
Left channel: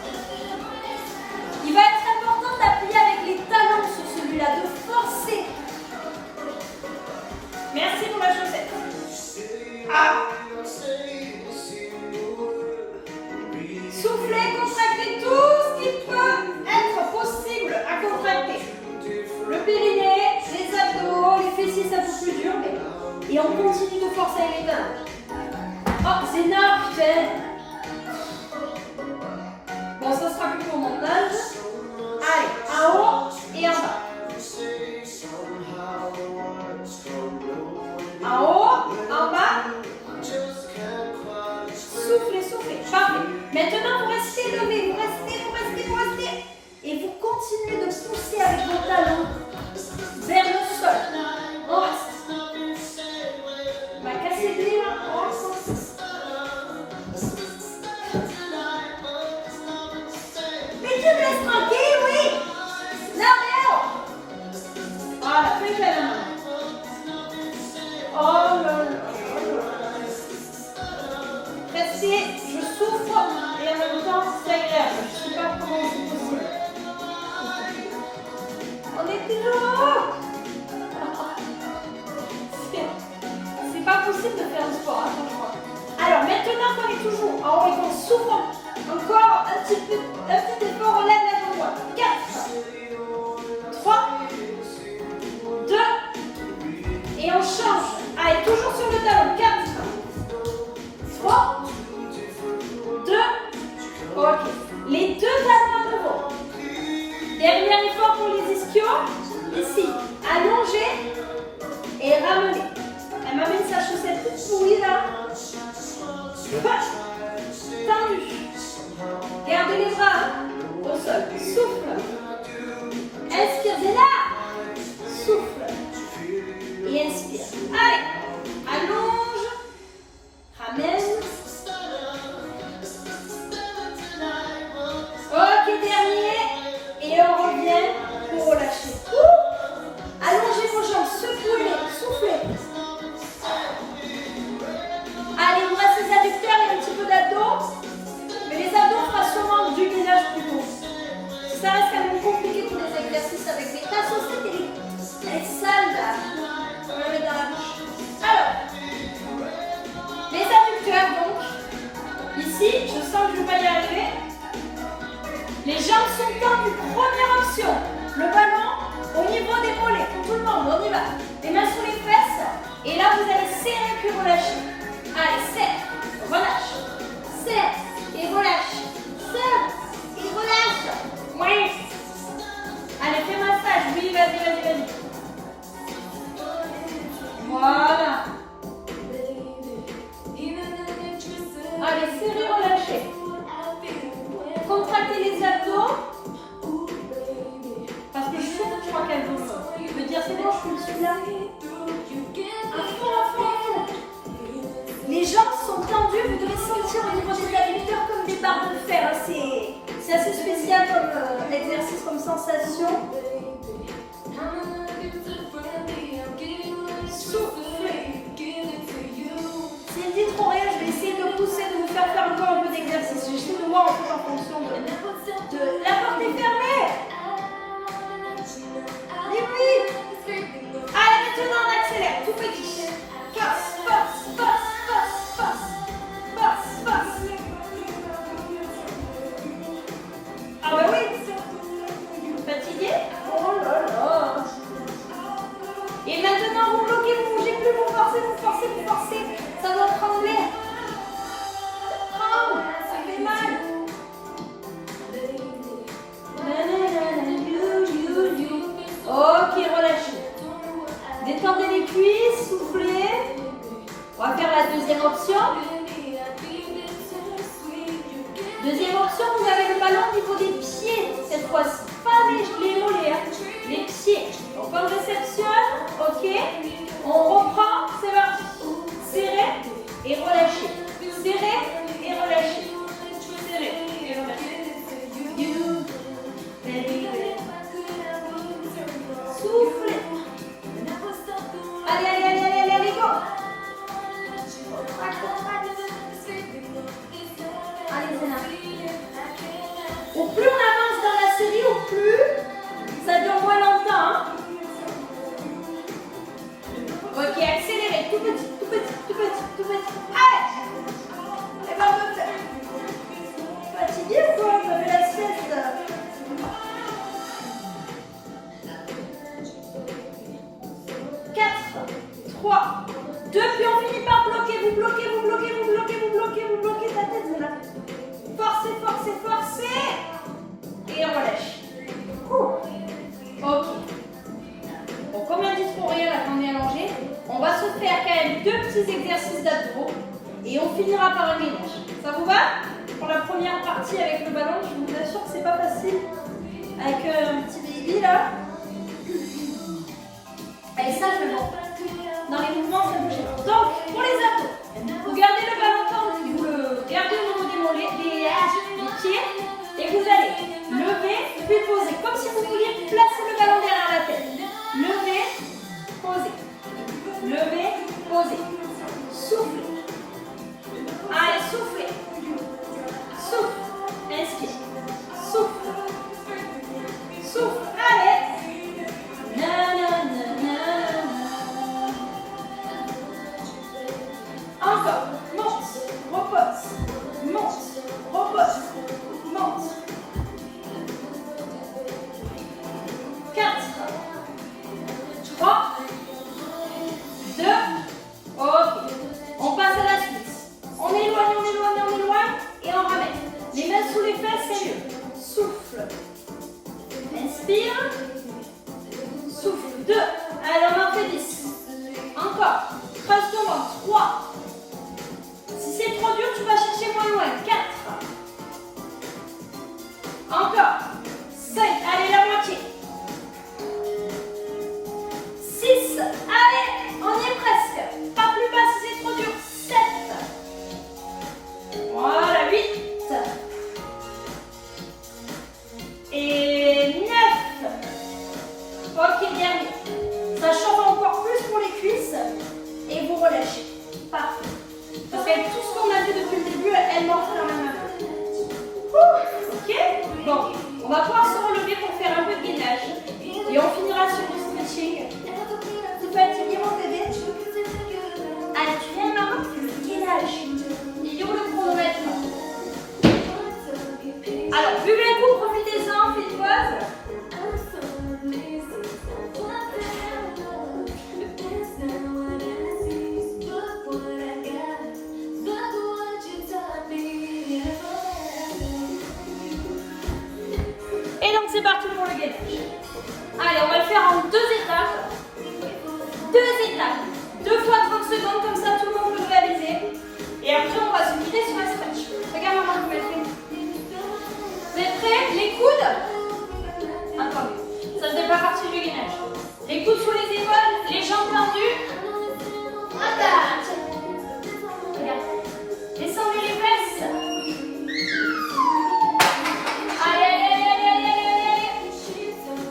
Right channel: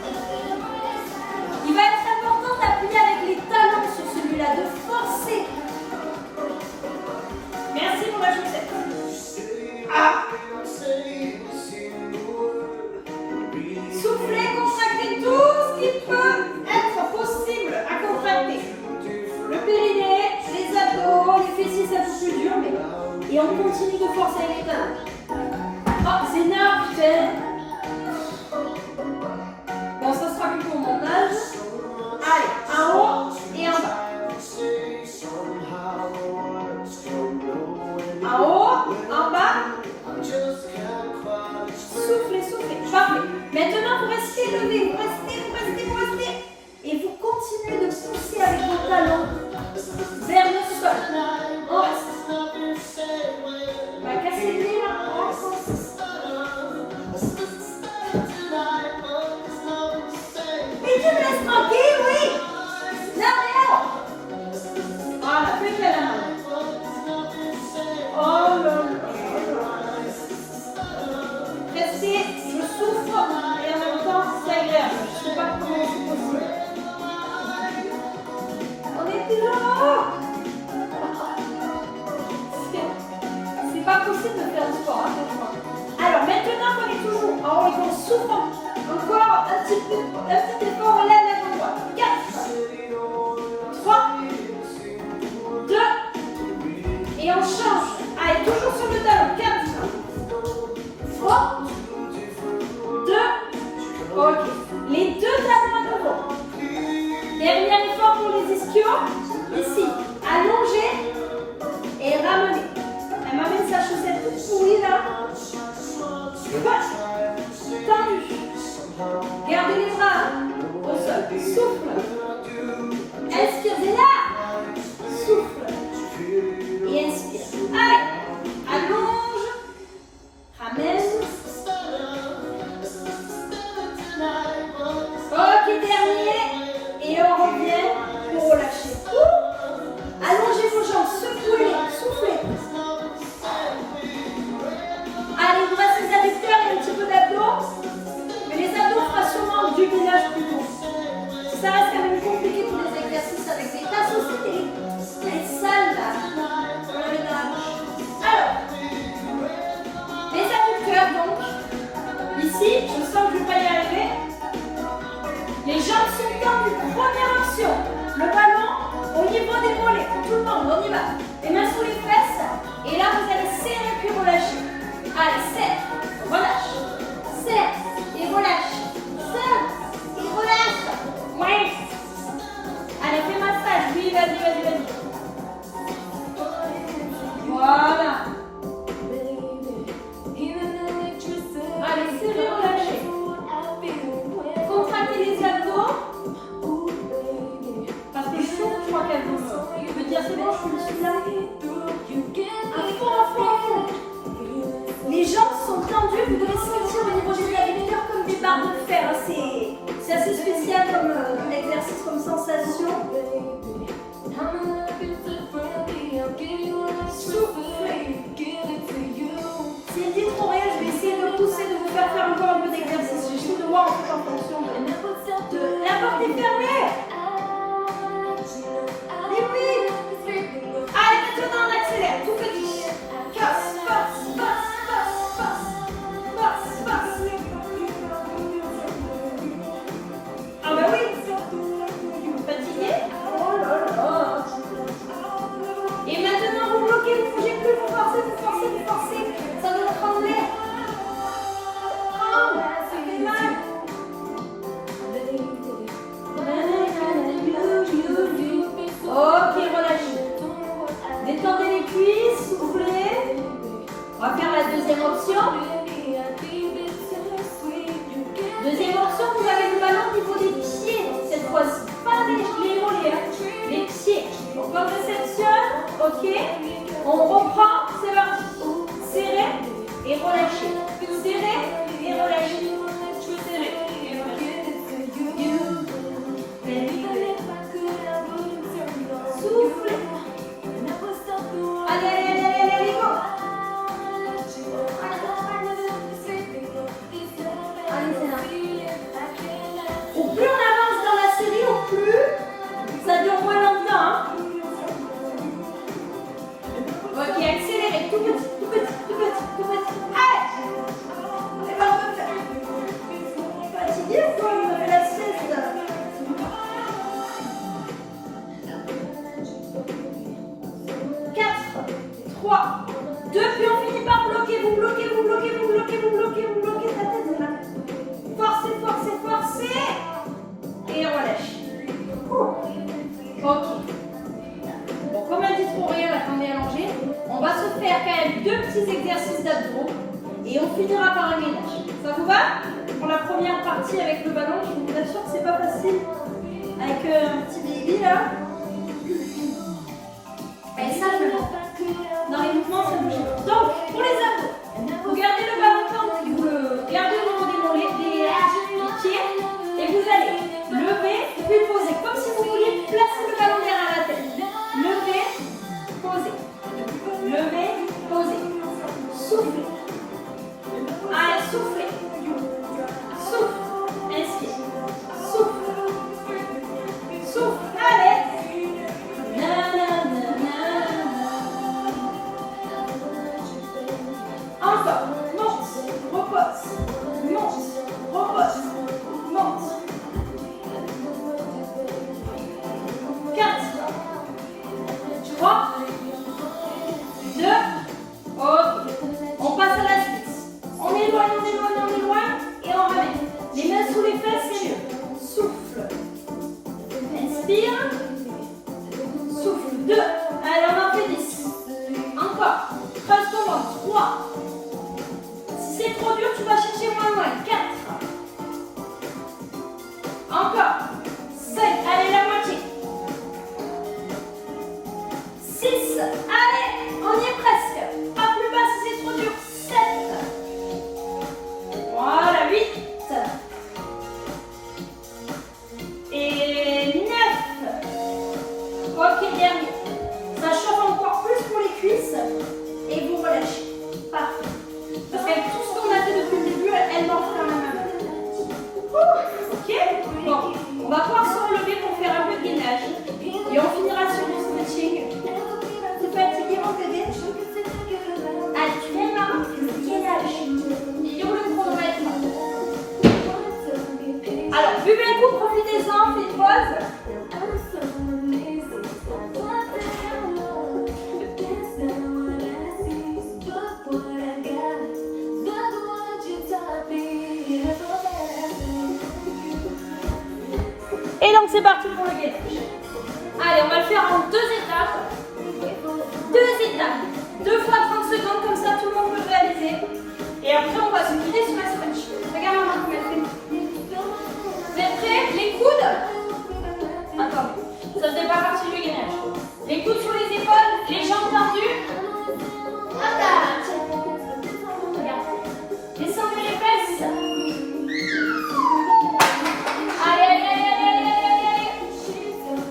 Il va être important d'appuyer avec les talons sur celui-là, de forcer. Merci pour la chaussette. Ah. Soufflez, contractez tout ce qui peut être possible à contracter. Le périnée, les abdos, les fessiers, c'est un peu plus dur, mais... Et on continue de forcer avec les talons. Oh, Zéna, putain. Bon, ça sera plus pour mon montage. Allez, en haut et en bas. En haut, en bas. Soufflez, soufflez. Parfait. Maintenant, vous restez levé. Vous restez. Et vous continuez de pousser avec vos talons vers le sol. Oh. On va casser le pied là. Mais tu me laisses tranquille, oui. Non, mais alors. Voilà, plus qu'à la main. Oh là là. Restez, je souffre et en même temps c'est agréable. Je ne sais pas comment c'est possible. On est toujours là. C'est pas possible de faire du sport, hein, franchement. Alors maintenant qu'on est toujours en haut et qu'on souffre, encore un petit effort, on lève la jambe droite. 4, 3, 2, et on change. Allez, toujours sur le talon. 4, 3, 2, ok. Les deux talons à nouveau. Dernier effort pour les ischios. Ici, allongez et ramenez. Elle m'amène sa chaussette toute pourrie là. Tendu. Gardez les bras hein, au sol. Souffle. Inspire, c'est là. vas-y, vas-y, vas-y. Voilà. Allez, serrez, relâchez. Contractez les abdos. Parce que je crois qu'elle veut me dire c'est bon, je suis là. À fond. Les jambes sont tendues, vous devez sentir au niveau des adducteurs comme des barres de fer. C'est assez spécial comme exercice, comme sensation. Soufflez. S'il dit trop rien, je vais essayer de pousser, de vous faire encore un peu d'exercice. J'essaie de voir en fait en fonction de la porte est fermée. Vite. Allez, maintenant on accélère, tout petit. Force. Ah bah oui. Fatigué? Oh là là. Et maintenant vous bloquez, vous bougez plus, vous forcez. Ça doit trembler. Tremble, ça fait mal. Ok, relâchez. Détendez les cuisses, soufflez. On va faire la deuxième option. Deuxième option, vous avez le ballon au niveau des pieds cette fois-ci. Pas les mollets, hein. Les pieds. Donc on réceptionne, ok. On reprend, c'est parti. Serrez et relâchez. Serrez et relâchez. Serrez et relâchez. Soufflez. Allez, go. Allez, c'est là. Au plus on avance dans la série, au plus ça dure moins longtemps. Hein. Ok, accélérez. Tout petit. Allez. C'est pas bon. Fatigué ou quoi? Vous avez la sieste. 4, 3, 2, puis on finit par bloquer. Vous bloquez ta tête là. Forcez. Et on relâche. Ok. Bon, comme on dit trop rien là qu'on est allongé, on va se faire quand même 2 petits exercices d'abdos et on finira par un gainage. Ça vous va? Pour la première partie avec le ballon, je vous assure que c'est pas facile avec un petit baby là. Et ça, je le vois. Dans les mouvements, ça bouge. Donc, pour les abdos, vous gardez le ballon tendu, vous le gardez au niveau des mollets, des pieds, et vous allez lever, puis poser, comme si vous vouliez placer le ballon derrière la tête. Lever, poser. Soufflez. Allez, soufflez. Souffle. Inspire. Souffle. Allez. Encore, monte, repose, monte. 4, 3, 2, ok. On passe à la suite. On éloigne et on ramène. Les mains sous les fesses, c'est mieux. Souffle. Inspire. Souffle. 2. Allez, on en fait 10. Encore. 3 secondes. 3. Si c'est trop dur, tu vas chercher moins loin. 4. Encore. 5. Allez, la moitié. 6. Allez, on y est presque. Pas plus bas si c'est trop dur. 7. Voilà, 8. Et 9. Ok, dernier. Ça chauffe encore plus pour les cuisses. Et vous relâchez. Parfait. Parce qu'avec tout ce qu'on a fait depuis le début, elle monte quand même. Ok? Bon, on va pouvoir se relever pour faire un peu de gainage. Et on finira sur le stretching. Tu es fatigué, mon bébé? Allez, tu viens, maman? Gainage. Il est où le chronomètre? Alors, buvez un coup, profitez-en, faites une pause. Et là, étape. 2 fois 30 secondes, comme ça tout le monde peut le réaliser. Et après, on va se guider sur la stretch. Regarde maman comme elle fait. Vous êtes prêts? Les coudes. Attendez, ça ne fait pas partie du gainage. Les coudes sous les épaules, les jambes tendues. Attaque. Regarde. Descendez les fesses. Allez, allez, allez, allez, allez, allez, allez.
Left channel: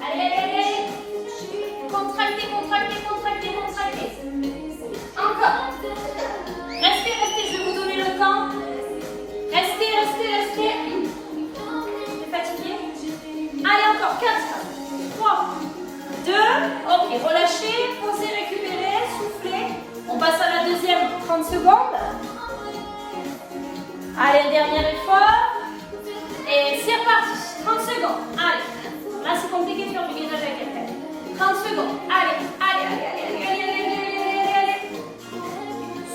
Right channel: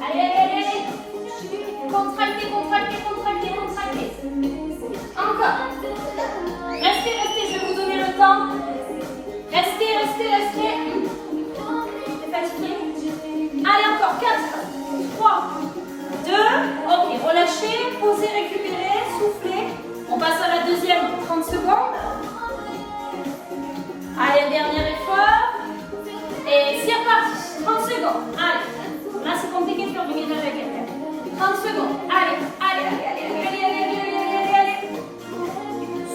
Allez, allez, allez, allez. Contractez, contractez, contractez, contractez. Encore. Restez, restez, je vais vous donner le temps. Restez, restez, restez. T'es fatigué? Allez, encore 4, 3, 2. Ok, relâchez, posez, récupérez, soufflez. On passe à la deuxième, 30 secondes. Allez, dernier effort. Et c'est reparti, 30 secondes. Allez, là c'est compliqué de faire du gainage avec quelqu'un. 30 secondes. Allez, allez, allez, allez, allez, allez, allez, allez, allez, allez.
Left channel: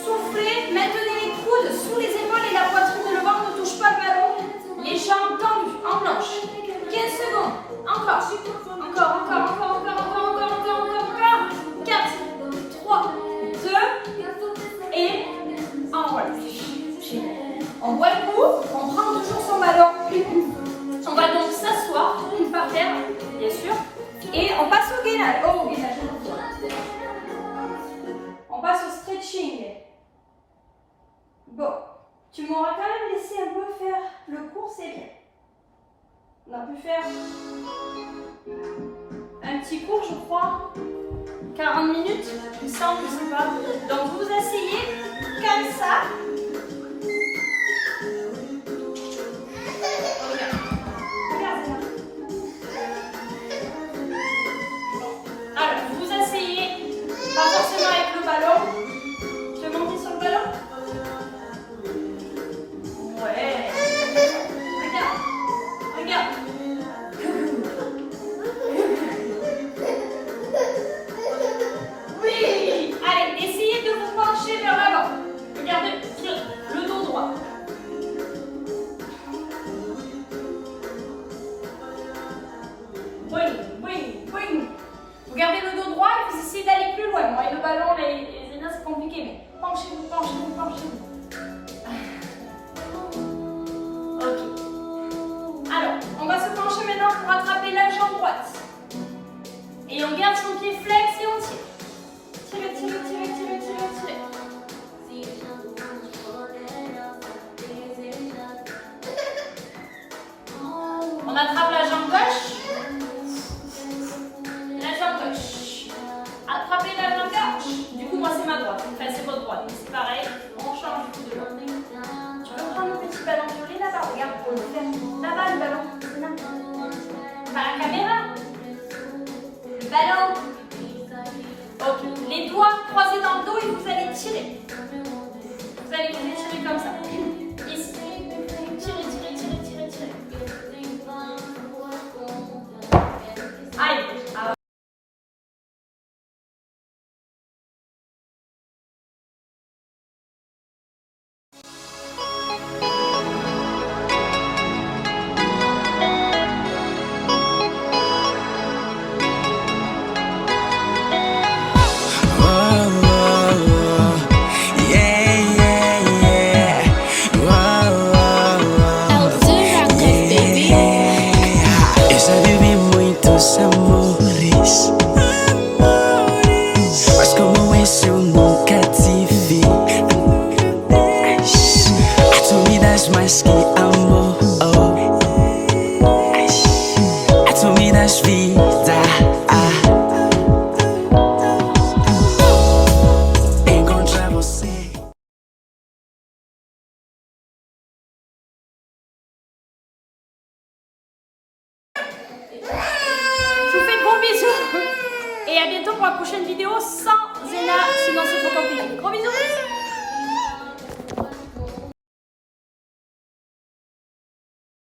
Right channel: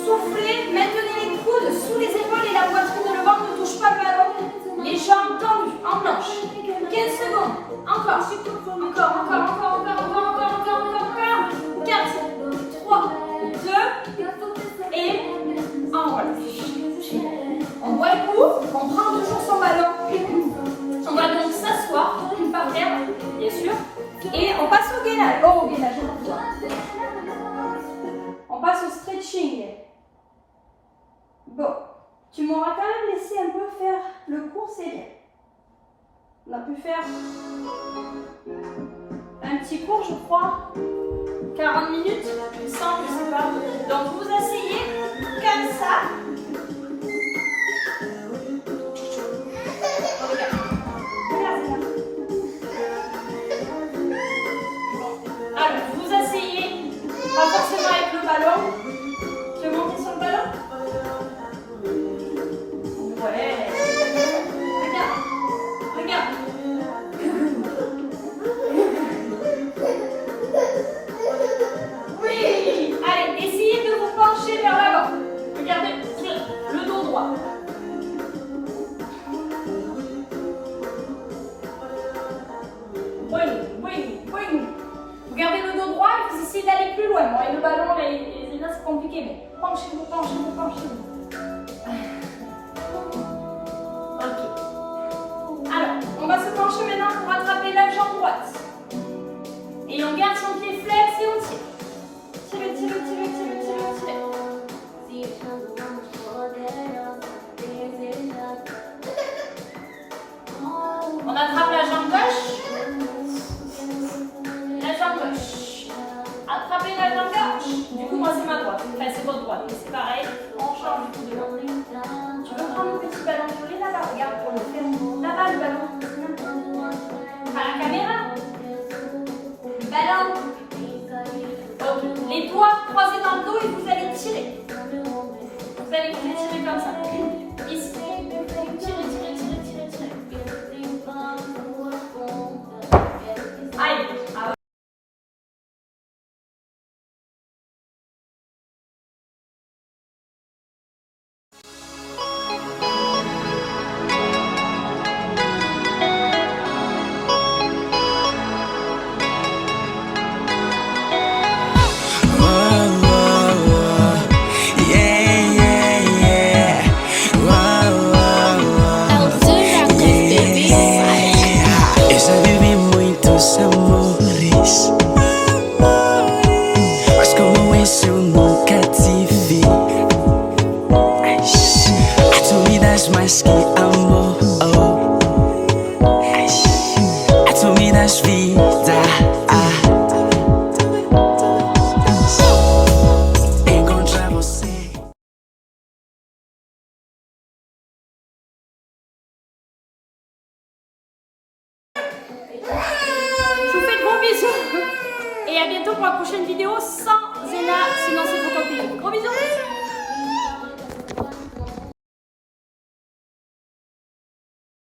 Soufflez, maintenez les coudes sous les épaules et la poitrine, le ventre ne touche pas le ballon. Les jambes tendues, en planche. 15 secondes. Encore. Encore, encore, encore, encore, encore, encore, encore, encore. 4, 3, 2 et en relâche. On boit le coup, on prend toujours son ballon. On va donc s'asseoir par terre, bien sûr. Et on passe au gainage. Oh, au gainage. On passe au stretching. Bon, tu m'auras quand même laissé un peu faire le cours, c'est bien. On a pu faire un petit cours, je crois. 40 minutes, il me semble, je sais pas. Donc vous vous asseyez comme ça. Alors, vous vous asseyez, pas forcément avec le ballon. Tu veux monter sur le ballon? Ouais. Regarde. Regarde. Oui. Allez, essayez de vous pencher vers l'avant. Regardez, le dos droit. Oui, oui, oui. Vous gardez le dos droit et vous essayez d'aller plus loin. Bon, et le ballon, les énormes, c'est compliqué, mais penchez-vous, penchez-vous, penchez-vous. Ok. Alors, on va se pencher maintenant pour rattraper la jambe droite. Et on garde son pied flex et on tire. Tirez, tirez, tirez, tirez, tirez, tirez. On attrape la jambe gauche. La jambe gauche. Attrapez la jambe gauche. Du coup, moi, c'est ma droite. Enfin, c'est votre droite. Mais c'est pareil. On change du coup de droite. Tu veux prendre le petit ballon violet là-bas? Regarde pour le faire. Là-bas, le ballon. Pas la caméra. Le ballon. Ok. Les doigts croisés dans le dos et vous allez tirer. Vous allez vous étirer comme ça. Ici. Tirez, tirez, tirez, tirez, tirez. Allez. Et à bientôt pour la prochaine vidéo sans Zéna, sinon c'est